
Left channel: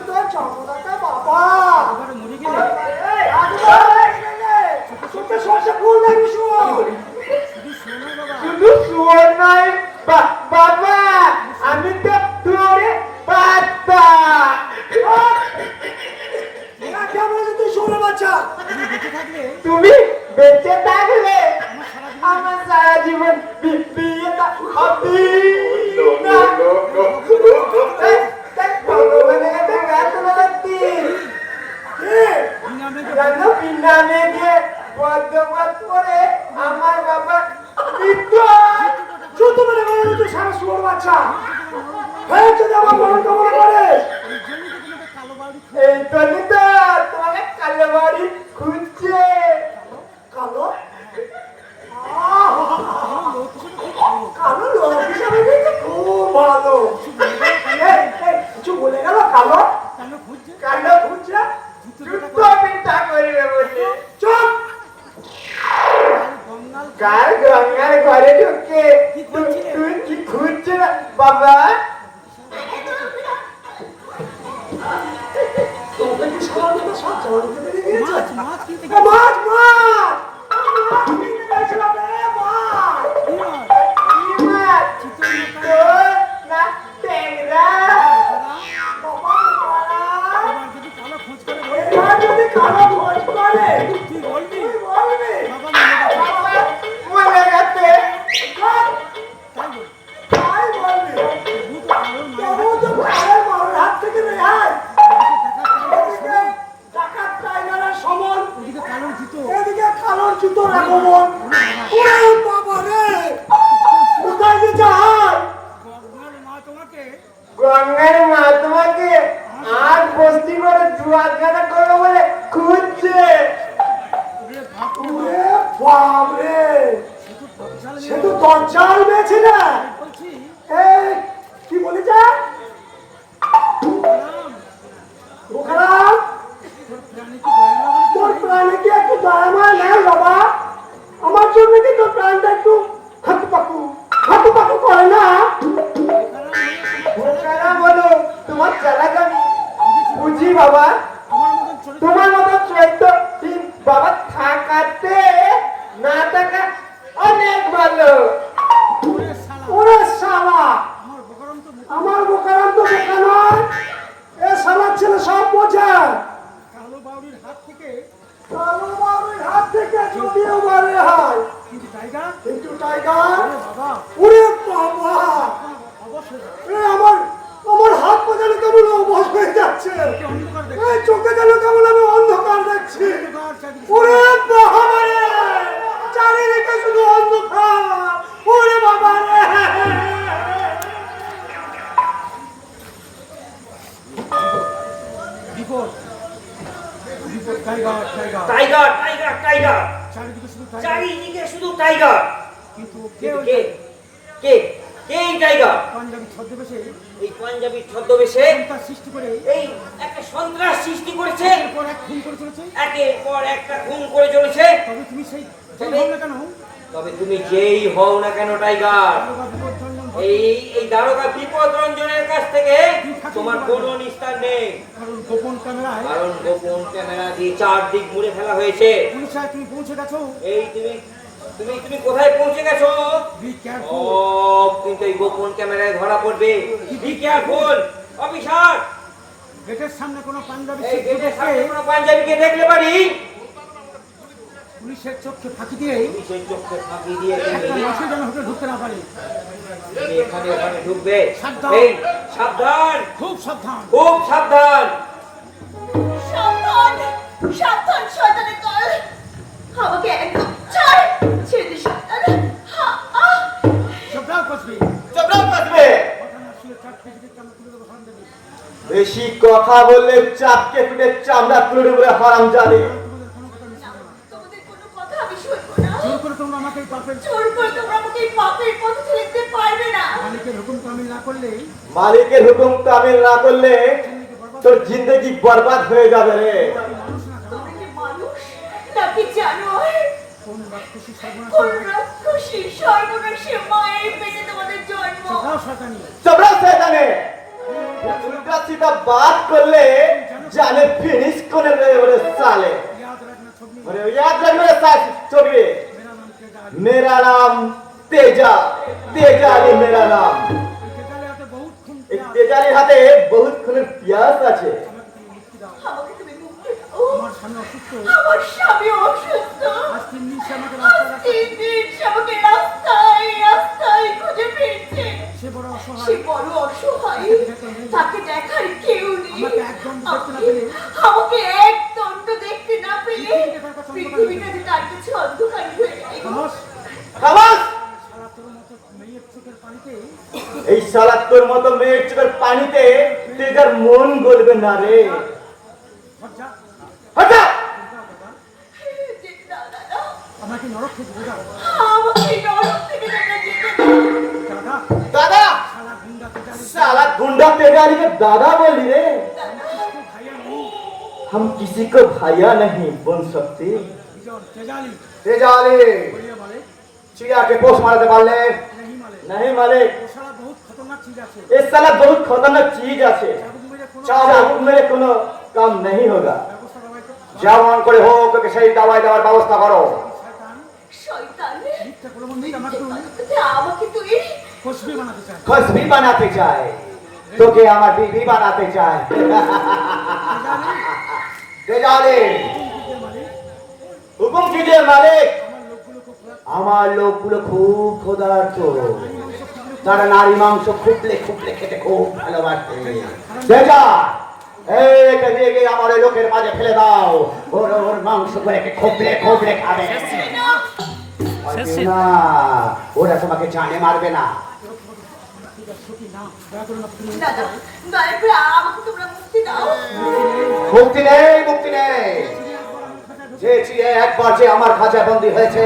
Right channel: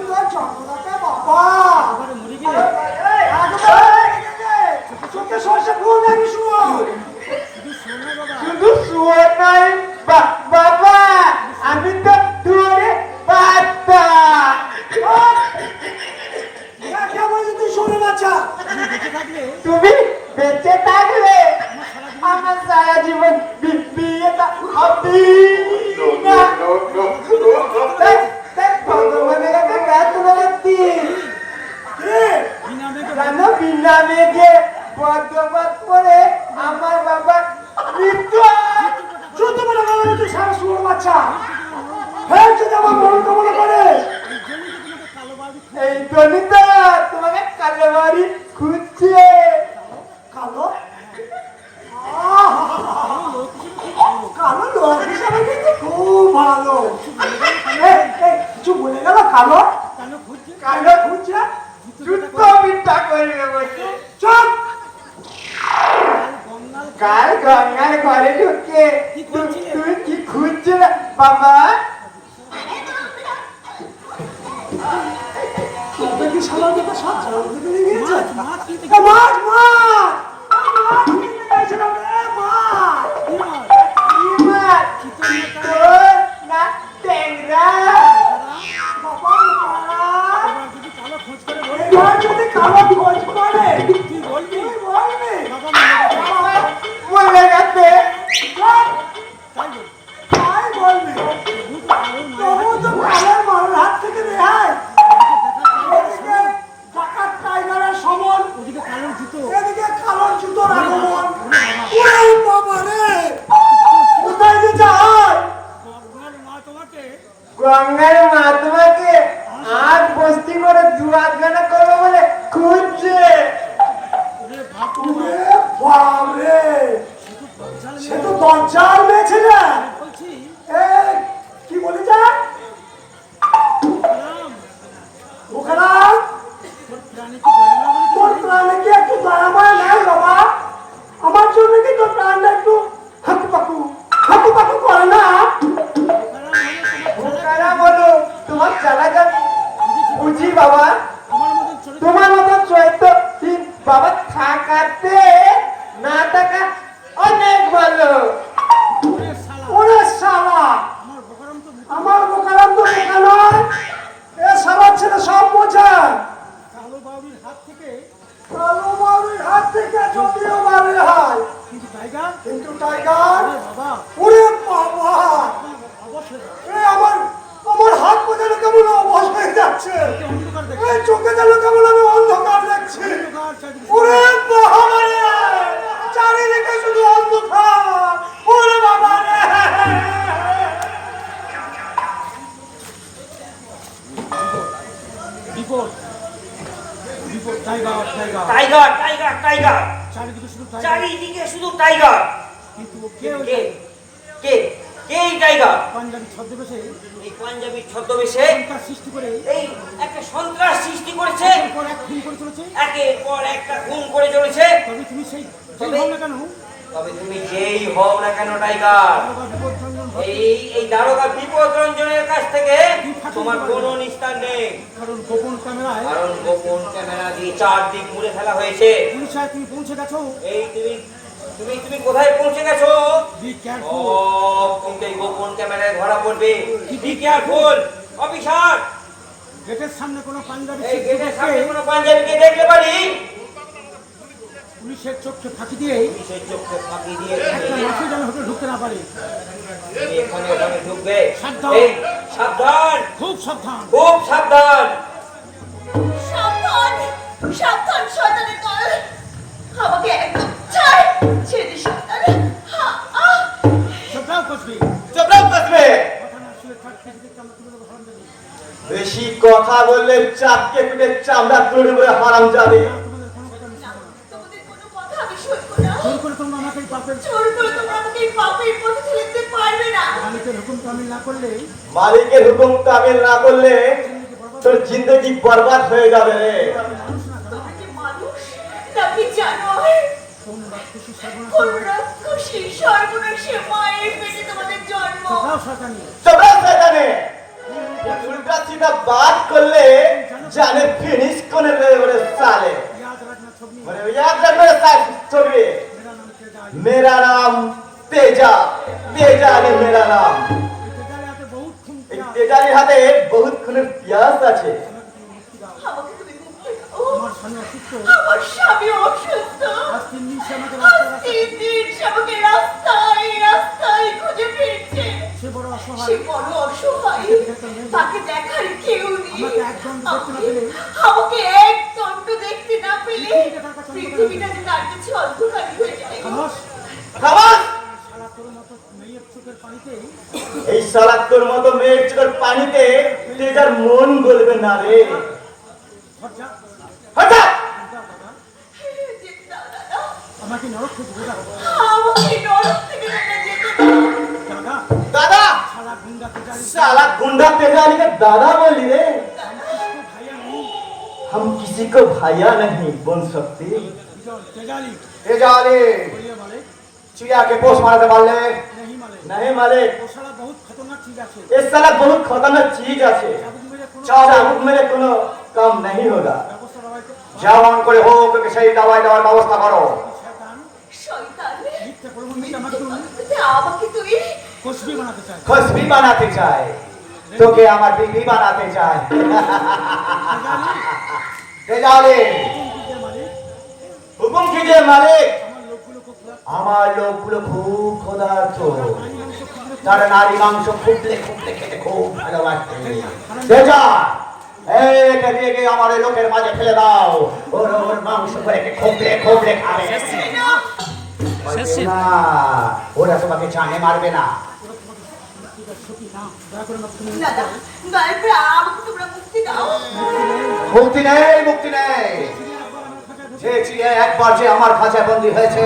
তোর জগন্নাথ বাবা। চোখে সমস্যা কোন দেখবি শুনো? শুধু শোন নাই বাবা, আমি তো তোরে বাচ্চা। কে বলেছে তুই শোনে বাচ্চা? তুমি বেঁচে থাকলে আমার সারা জীবন বিয়েটা হবে না। ভগবানের কাছে গাছ বলাচ্ছি জানো, বিনা মেঘে বর্ধমান করে আমার বাবা মৃত্যু হয়। শুনতে পারে না তুই সাহস করে বাচ্চা। হ্যাঁ যদি আমার বড় কবর করে এই জন্যই তো তোমাকে কালো বাড়ি খুঁজছে। কালো কালো লোক হিসাবে কিন্তু খুব ভালো। কিছু বলে গেল কালো কালো বুঝছে? যুদ্ধ মিথ্যা করবে বলে চুপ। কাল গঙ্গার ঘরে ঢুকে তুমি কি খুঁজছো না বাবা? তোকে কি সারা দেবে? সব জানতে পেরে গিয়েছে। মাছ কিনতে মাছ মাছ মাছ কিনতে গেছিলাম রে মাছ। কি মাছ? তোর না ট্যাংরা? বাবা পাড়া এরা যদি কালো খোঁজ করে তুই বলবি বাবা মরে গেছে। তাই বলবি। তবু তো কালের মারের হাত থেকে রেহাই। এদিকে ডাকাত টাইগারের সমর, এদিকে কালোর জুতোর আগমন। ওরে বাবা রে, কোথায় যে যায়? গঙ্গার মা তোমাকে আর বস্তি করে দুয়ারখানা করবো বলে খুঁজছে। ওরে বাপ রে, সে তো দরজাল মেয়েছে না। এই, কি বলেছে? বোকারাম, তোর প্রাণে কি একটু দয়া মায়া নেই বাবা? আমার জন্য কি তোর প্রাণটা একটু হাঁটু পাকু করে না? বোকারা বলো, তোমার চালাকানি বুঝি বাবা। তোমার মতন চরিত্র বাবা থাকাতে না থাকা অনেক ভালো। ওরে শালা, আমার বোকারাম তো বোকা নয়। এ শালার ছেলে সব বোঝে। কালো বাউরির হাত থেকে যদিও বারে হয়, কিন্তু টাইগার ওরে বাবা, এ আমার হাত পা যেন কেমন অবশ হয়ে যাচ্ছে। এই চোখে যেন কেমন আমি অন্ধকার দেখছি। ওরে বাবা রে, চারিদিকে শুধু অন্ধকার। ওরে বাবা রে, টাইগার টাইগার টাইগার চারিদিকে শুধু টাইগার। কে কে কে এই টাইগার? এই পাঞ্জাবি ছদ্মবেশে এই একটা সন্ত্রাস সৃষ্টি করেছে, একের পর একটা খুন করে চলেছে। তবে তুমি যেই হও না কেন টাইগার, এই দারোগা বিপদ রঞ্জনের কাছ থেকে তোমার কোনো নিস্তার নেই। কারণ গোপন ক্যামেরা দিয়ে চারদিক মুড়ে ফেলা হয়েছে। এই তুমি কোথায় পৌঁছে গেছো? কিন্তু এই গোপন ক্যামেরায় ধরা পড়বে। Be careful officer. গেটের সামনে কোনো পাঞ্জাবিকে দেখলে পারি পুলিশের চোখে ফাঁকি দিয়ে তুমি ঢুকতে না পারি। তুমি এখানে ওখানে ঢুকবে। সাবধান। এই, সাবধান, খুব সাবধান। খুব সাবধান। সাবধান সাবধান শয়তানের দল, আমাকে একদম ছাড়, ছেড়ে দিস শয়তান। চোখটাও কষবি। চোখটাও কাটবে। কথা না শুয়ে কাট কেটে কেটে আমার তুলে দেবো হারামজাদি। বেশি কথা বললে চাপকে টুকে চামড়া তুলে করে হারাম যাবে। তোমাদের কোনো কথা আমি শুনবো না। জোর করে তোমরা আমাকে এই পাপের জোর করে তোমরা আমাকে এই পাপের পথে ঠেলে দিতে পারবে না। মালিকের হুকুম তামিল না করলে মালিকের হুকুম তামিল না করলে তোর জিন্দগি বরবাদ হয়ে যাবে রে। মানুষ না কেন তোমরা কি মানুষ নাকি জানোয়ার? কোন রাক্ষসী কোন সর্বনাশ রাক্ষসী সর্বনাশী মায়ের পেটে তোমাদের জন্ম। কোথাও শয়তানি তোমরা সেখানে উল্টা সিধা বাত করলে জানে ফিনিশ করে দেবে ওরে সালে। याद रखना छबनी ওরে याद रख मेरे साथ छोड़िए। मेरा नाम तेजा मेरा नाम तेजा, तेजा है मेरा नाम। तेजाले हाथे बहुत खून এই प्यार তেজারির হাতে বহুত খুনের পিয়াস আছে। আমাকে তুমি মুক্তি দাও। আমার স্বামী অসুস্থ আমার স্বামী অসুস্থ। আজ 3 দিন সে আমাকে আজ রাস্তায় 3 দিন সে আমাকে রাস্তায় খুঁজে ফিরছে। সে বড় সে অসহায় বড় অসহায়। তাকে দেখার কেউ নেই। আমাকে এক দণ্ড দেখতে না পেলে আমাকে এক দণ্ড দেখতে না পেলে পৃথিবীটা যে তার কাছে অন্ধকারী হয়ে যায়। খামোশ খামাস! শালা তোর মতো মেয়ের চোখের পানিতে এই শালা তোর মতো মেয়ের চোখের পানিতে তেজার মন গলবে না রে। খরচা হটা! বাবা যেতে দাও দাদা। আমাকে নরক থেকে বোঝাও আমাকে নরক থেকে তোমরা যেতে দাও। দাদা দাদা! শালা গুন্ডা তেজালি साला गुंडा तेजारी के दादा बोली रे। किसको भाइया नहीं हम किसी को भैया नहीं बोल सकते। बिजोन तेजाली तेजारी बोलिए मालिक चिड़िया के पोस मारते वाले नहीं मालिक नहीं मालिक। वो शाला बहुत खतरनाक चीज আছে ये साला बहुत खतरनाक चीज আছে। জাদু মেরে কোনো चाबुक मेरे कोनो काम नहीं होगा। ব্যবস্থা বাবাইতে যেমন করে হোক ওকে সেই দাওয়াই দেওয়ার ব্যবস্থা করো। শয়তান শয়তান মিথ্যে প্রলোভন আমাকে আমাকে তুই কোষবি বানাতে চায় खुशबी बनाते चाहे तो के हमार बीवी बनाते चाहे। तेजारी মালিক हुकुम कीजिए मालिक। আমার লোকগুলো খুব আমার লোকগুলো খুব ক্ষুধার্ত। তারা নারী মাংস খুবলে খুবলে খেতে খুব ভালোবাসে। তেজা এইটা দিয়ে গিয়ে আমার ওই লোকের মাঝে ফেলে দাও। ওর মাংস করে খুবলে খুবলে খাবে। না, ওরা তোমাকে জানে মারবে না। সত্যি না দয়া করে মাত্র তুমি দাদা দয়া করে আমাকে তোমরা মুক্তি দাও। মুক্তি নেই, মুক্তি নেই। যে চিড়ে একবার যে আমার খাঁচায় বন্দী হয়েছে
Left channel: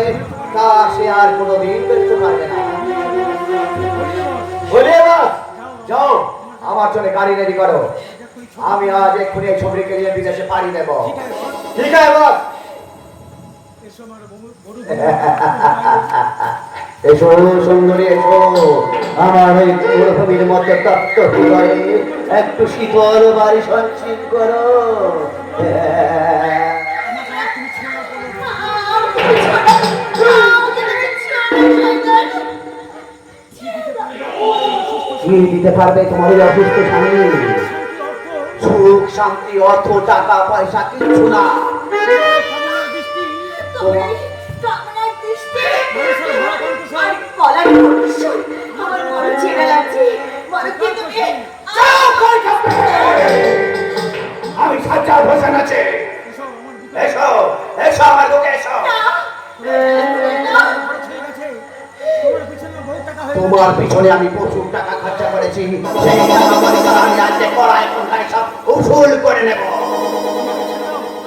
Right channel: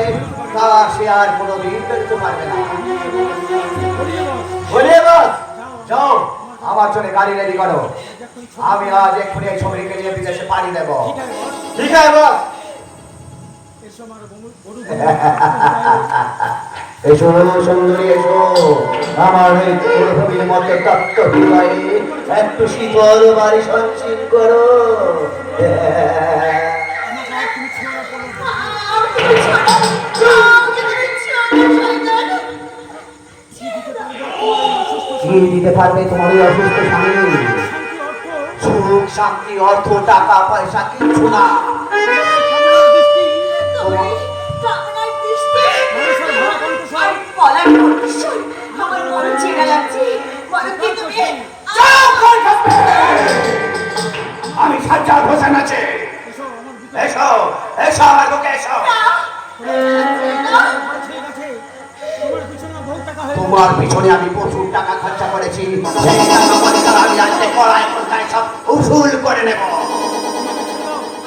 তা সে আর কোনোদিন বেরোতে পারবে না। বলে বাস যাও আমার জন্য গাড়ি রেডি করো। আমি আজ এক্ষুনি এই ছবিকে নিয়ে বিদেশে পাড়ি দেব। ঠিক আছে বাস। এসো আমার বড় এসো সুন্দরী এসো আমার এই মরুভূমির মধ্যে তপ্ত হৃদয়ে একটু শীতল বাড়ি সঞ্চিত করো। আমাকে ছাড়ো। আমাকে তুমি ছাড়ো শয়তান। কি দিতে পারবে তোমার এই অসুস্থ স্বামী? সুখ শান্তি অর্থ টাকা পয়সা কিছু না। তুমি কামনার দৃষ্টি আর বলার কণ্ঠস্বর আমার মন ছেড়ে যাচ্ছে। বলো কি তুমি আমি সাজ্জাদ হোসেন আছি। এসো এসো আমার লোকে এসো। তোমার পিছনে আমি প্রচুর টাকা খরচা করেছি। সেই টাকা পয়সা আমি আজকে পড়ায় কোথায় সব উসুল করে নেব।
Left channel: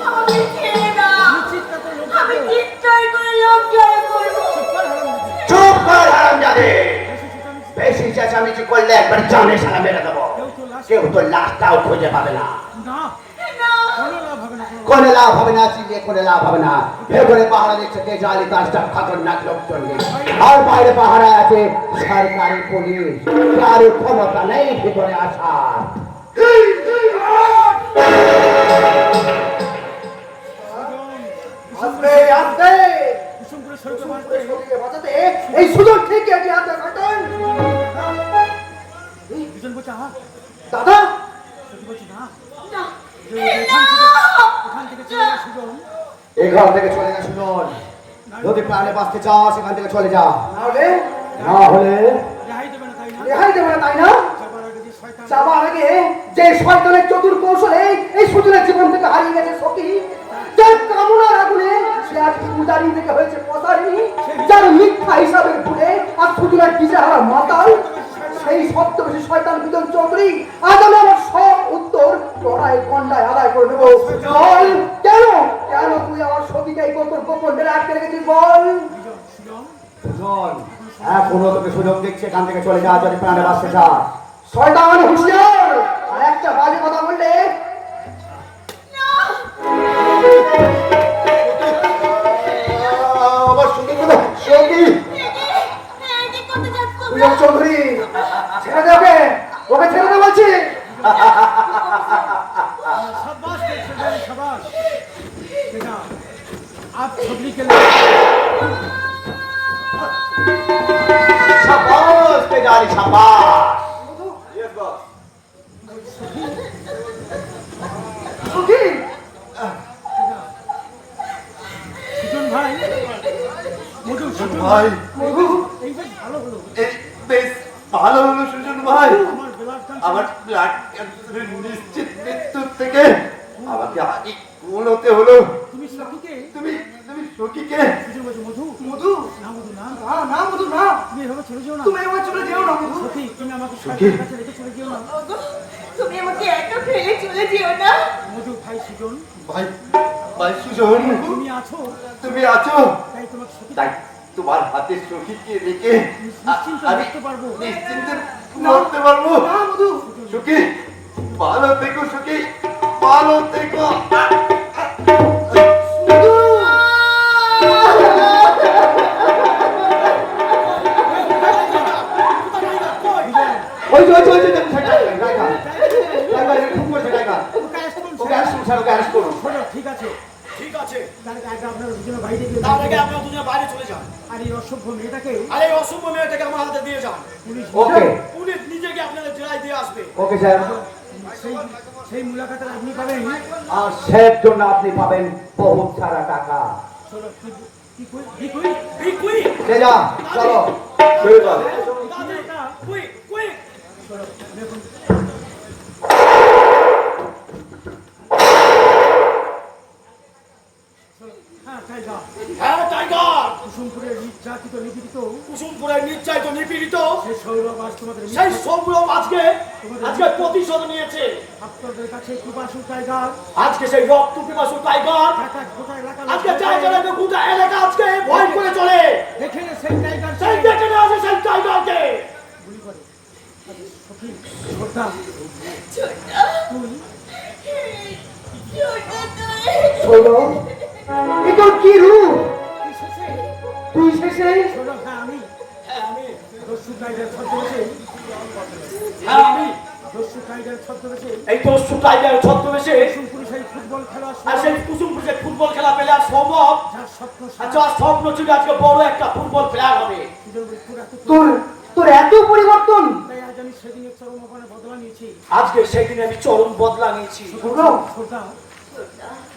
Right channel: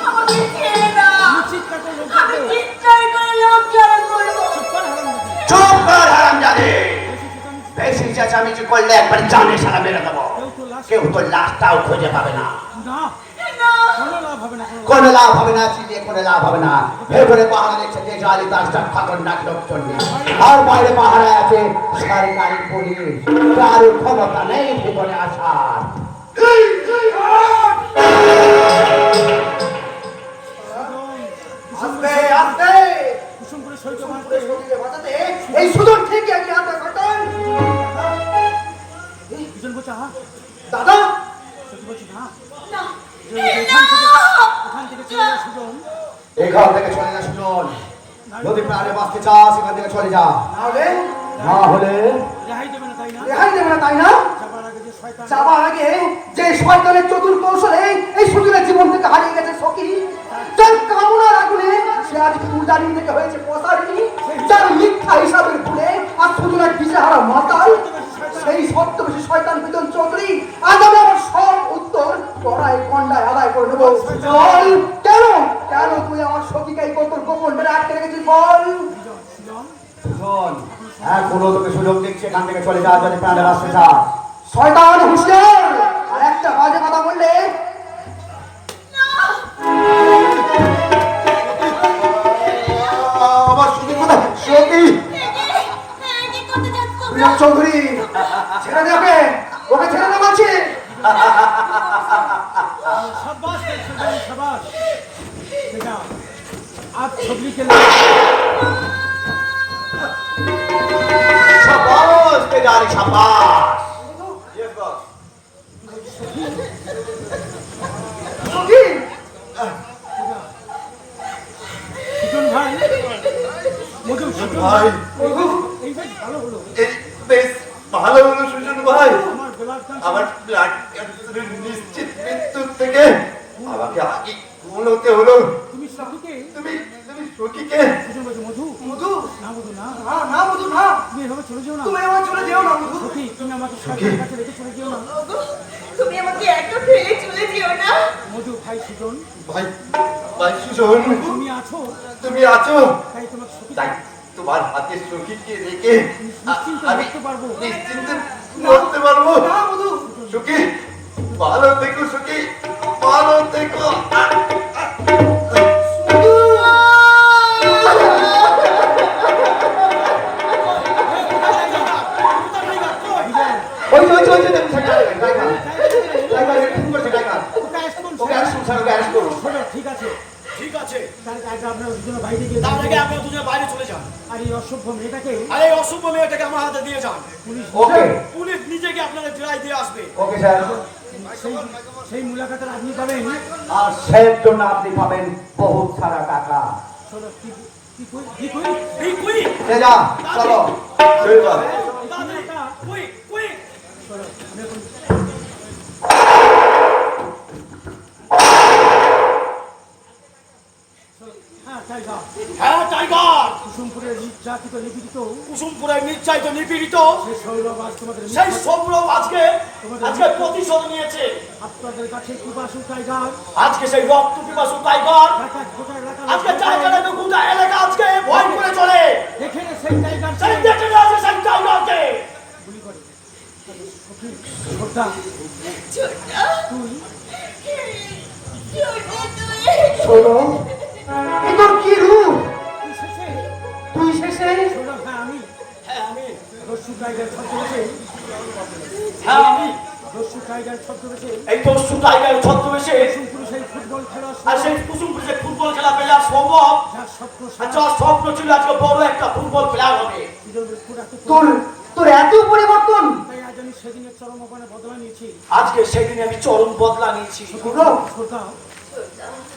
আমাকে ছেড়ে দাও। আমি চিৎকার করে লোক জড়ো করবো। চুপ কর হারামজাদে। বেশি চেঁচামেচি করলে একবার জানে সারা মেরে দেবো। কেউ তো লাশটাও খুঁজে পাবে না। না কোনো লাভ হবে না, চিলিয়ে কোনো লাভ হবে না। ভেতরে পাহারা দিচ্ছে তেজালি তার খতরনাক লোকজন নেই। আর বাইরে পাহারায় আছে সরকারি পুলিশ। কারোর ক্ষমতা নেই ভেতরে আসার। আস্তে আস্তে এই সুযোগ ঠিক আছে আদা কাটান দাদা সত্যি বলছি না এখান থেকে চলে যা সুজন এখান থেকে চলে যা শুনুন। যদি প্রাণে বাঁচতে চাও সেখান থেকে চলে যা। না হলে রেহাই দেবে না তাই না রেহাই দেবে না তাই না? যাবার আগে যে শয়তান যাবার আগে যে শয়তানের চতুর কৌশলে এই সুজনের জীবন থেকে হারিয়ে গেছে সখী, তার কামনা রাখলে সে আজ উদারি থেকে হয়েছে পসারি, যার মিথ্যা হিসাবের ভুলে আর সুজনের দিশেহারা মাতাল, সেই সত্যবেশী শয়তান বিজন চৌধুরী আজ আমি আমার সব সেখান থেকে চলে যাওয়া যদি প্রাণে বাঁচতে চায়। শয়তান হুঁশিয়ার, আর একটা বাজে কথা বললে আমার সখী কথা, সখী প্রিয় চৌধুরী, ছেড়ে দে ওকে, ওকে ছেড়ে দে বলছি। शाबाश तेजानी शाबाश बेटा आप छबली के लिए शाबाश तेजारी शाबाश। Yes, boss. সখী, সুজন ভাই মধু সুজন ভাই, মধু, এই বেশ ভালো হলো এই বেশ ভালো হলো সুজন ভাই। আমার গোলাপ চাঁদ আমার ব্লাড ক্যান্সারের নিশ্চিত মৃত্যুর থেকে আমাকে আগে কোনোতে হলো। তুমি সখীকে তুমি তুমি সখীকে সুজন বলছে মধু মধু, না মধু না না না মধু না, তুমি এভাবে চলে যেও না তুমি আমার চলে যেও না মধু। সখী তুমি আমাকে সরকারের কাছে রেখে চলে যেও না তুমি আমাকে একা ফেলে চলে যেও না। মধু ভাই সুজন ভাই ভাই সুজন, তুমি আছো তুমি আছো, তাই তোমাকে সখী তাই তোমার হাতে সখীকে রেখে নিশ্চিন্তে আমি থাকতে পারবো নিশ্চিন্তে মরতে পারবো। না মধু, সখী ভালো থেকো, সখী ভালো থেকো। ওই ওই ওই ঠিক আছে ঠিক আছে, তার আগে আপনারা দুজনে বাইরে গিয়ে তার আগে আপনারা দুজনে বাইরে চলে যান আর এই অসভ্য মেয়েটাকে আর এই অসভ্য মেয়েটাকে আমার হাতে দিয়ে যান। পুলিশ ওকে পুলিশ নিজেকে আপনাদের জেলায় দিয়ে আসবে। Okay sir. সেই সেই মুলাকাতের আপনি পাবেন আর সের জন্য আপনি পাবেন বহুত সারা টাকা। চলো কি কই কুই যা চলো শুরু করো। তাড়াতাড়ি কুই চলো দেখুন হ্যাঁ তাই যা হ্যাঁ টাইগার, কুসুমপুরের নির্যাতিত নিপীড়িত কুসুমপুরের নির্যাতিত নিপীড়িত সেই সৌরভ আজ তোমাদের সেই সৌরভ আজকে আজকে প্রতিশোধ নিয়েছে। আপনাদের কাছে কুবাসু টাইগার আজকে সেই রক্ত পিপাসু টাইগার ঢাকা গোটা এলাকা আজকে জায়গায় গোটা এলাকা আজকে ভয় করে চলে। এখানে সেই টাইগার সেই দেখে না আছে সেই টাইগারকে গুলি করে সখী শ্রদ্ধা ছোট্টা, তুই ছোট্টা তুই। শোনো, এ তো কি রূপ, তুই শেষে তুই শেষে সৌরভ হ্যাঁ আমি হ্যাঁ আমি দস্যু টাইগার ছদ্মবেশে হ্যাঁ আমি দস্যু টাইগার ছদ্মবেশে এই তো টাইগার ছদ্মবেশে কুসুমপুরে সেই ফুটবল খেলা আর সেই কুসুমপুরে ফুটবল খেলা পেলে আর সম্ভব। যার স্বপ্ন আচ্ছা স্বপ্ন ছিল আজকে বড় একটা ফুটবল প্লেয়ার হবে। সুযোগ মৃত্যুর এত তোর তোর এত পরিবর্তন। তাই আজ আমি সেদিনের চরম অবমানে বদলা নিয়েছি আজকে সেই দিনে আমি চরম বদলা নিয়েছি। সৌরভ, শ্রদ্ধা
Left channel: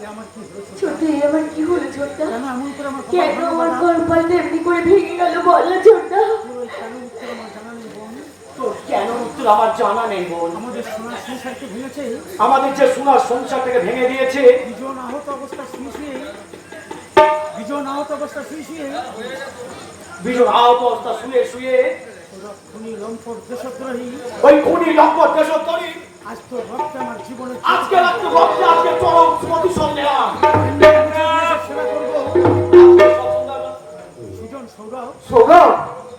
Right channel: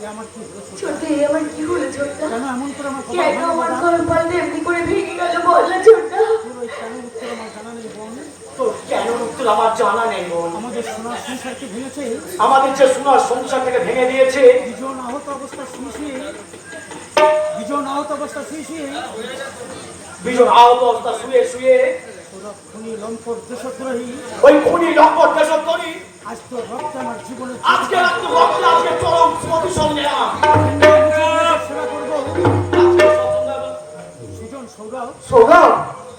এ আমার কি হলো ছোট্টা, এ আমার কি হলো ছোট্টা? কেন এমন করে আমার কথা কেন বলো আমার বাবা? কর্মফলটা এমনি করে ভেঙে গেল বল না ছোট্টা? তোর ওই কেন উত্তর আমার জানা নেই বোন তো কেন উত্তর আমার জানা নেই বোন। আমাদের সোনার সংসারকে ভেঙেছে আমাদের যে সোনার সংসার থেকে ভেঙে দিয়েছে, দুজন আহত অবস্থা শুয়ে শুয়ে দুজন আহত অবস্থা শুয়ে শুয়ে বিজন আহত অবস্থা শুয়ে শুয়ে ওরা খুনি লম্পট দেশদ্রোহী ওই খুনি লম্পট দেশদ্রোহী আজ তো রক্তে আমার জীবনে আজকে রাত্রে রক্তে আজকে চরম প্রতিশোধ নিলাম। সেবা করবো আজকে সন্ধ্যাবেলা সুজন সৌরভ সৌরভ,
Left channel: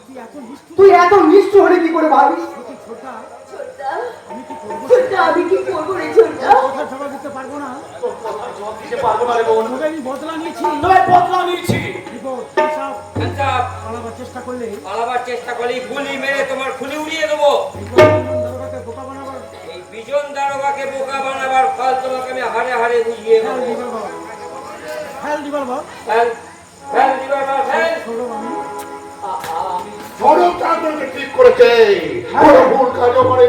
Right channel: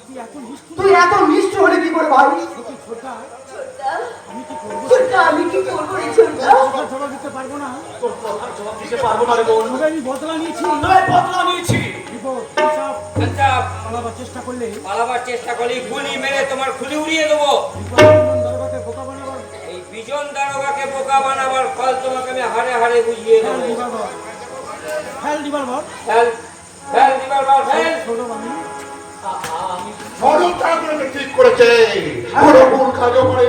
তুই এত মিষ্টি তুই এত মিষ্টি হলে কি করে ভাই? ছোট ছোটা ছোট্টা, আমি কি করবো ছোট্টা, আমি কি করবো রে ছোট্টা? কথা জবাব দিতে পারবো না তোর কথার জবাব দিতে পারবো না রে বোন। তবে আমি বদলা নিয়েছি নয় বদলা নিয়েছি। বিপদ হিসাব আচ্ছা, পালাবার চেষ্টা করলে পালাবার চেষ্টা করলে গুলি মেরে তোমার খুলি উড়িয়ে দেবো। দারোগাকে বোকা বানাবার এই বিজন দারোগাকে বোকা বানাবার ফল তোমাকে আমি হারে হারে বুঝিয়ে ফেল দেবো। দিবার বর ফেল দিবার বর ফেল ফেল দিবার পর ফেল। সৌরভ আমি সরব কাজকে ঠিক করেছে। বড় ভুল কাজ করে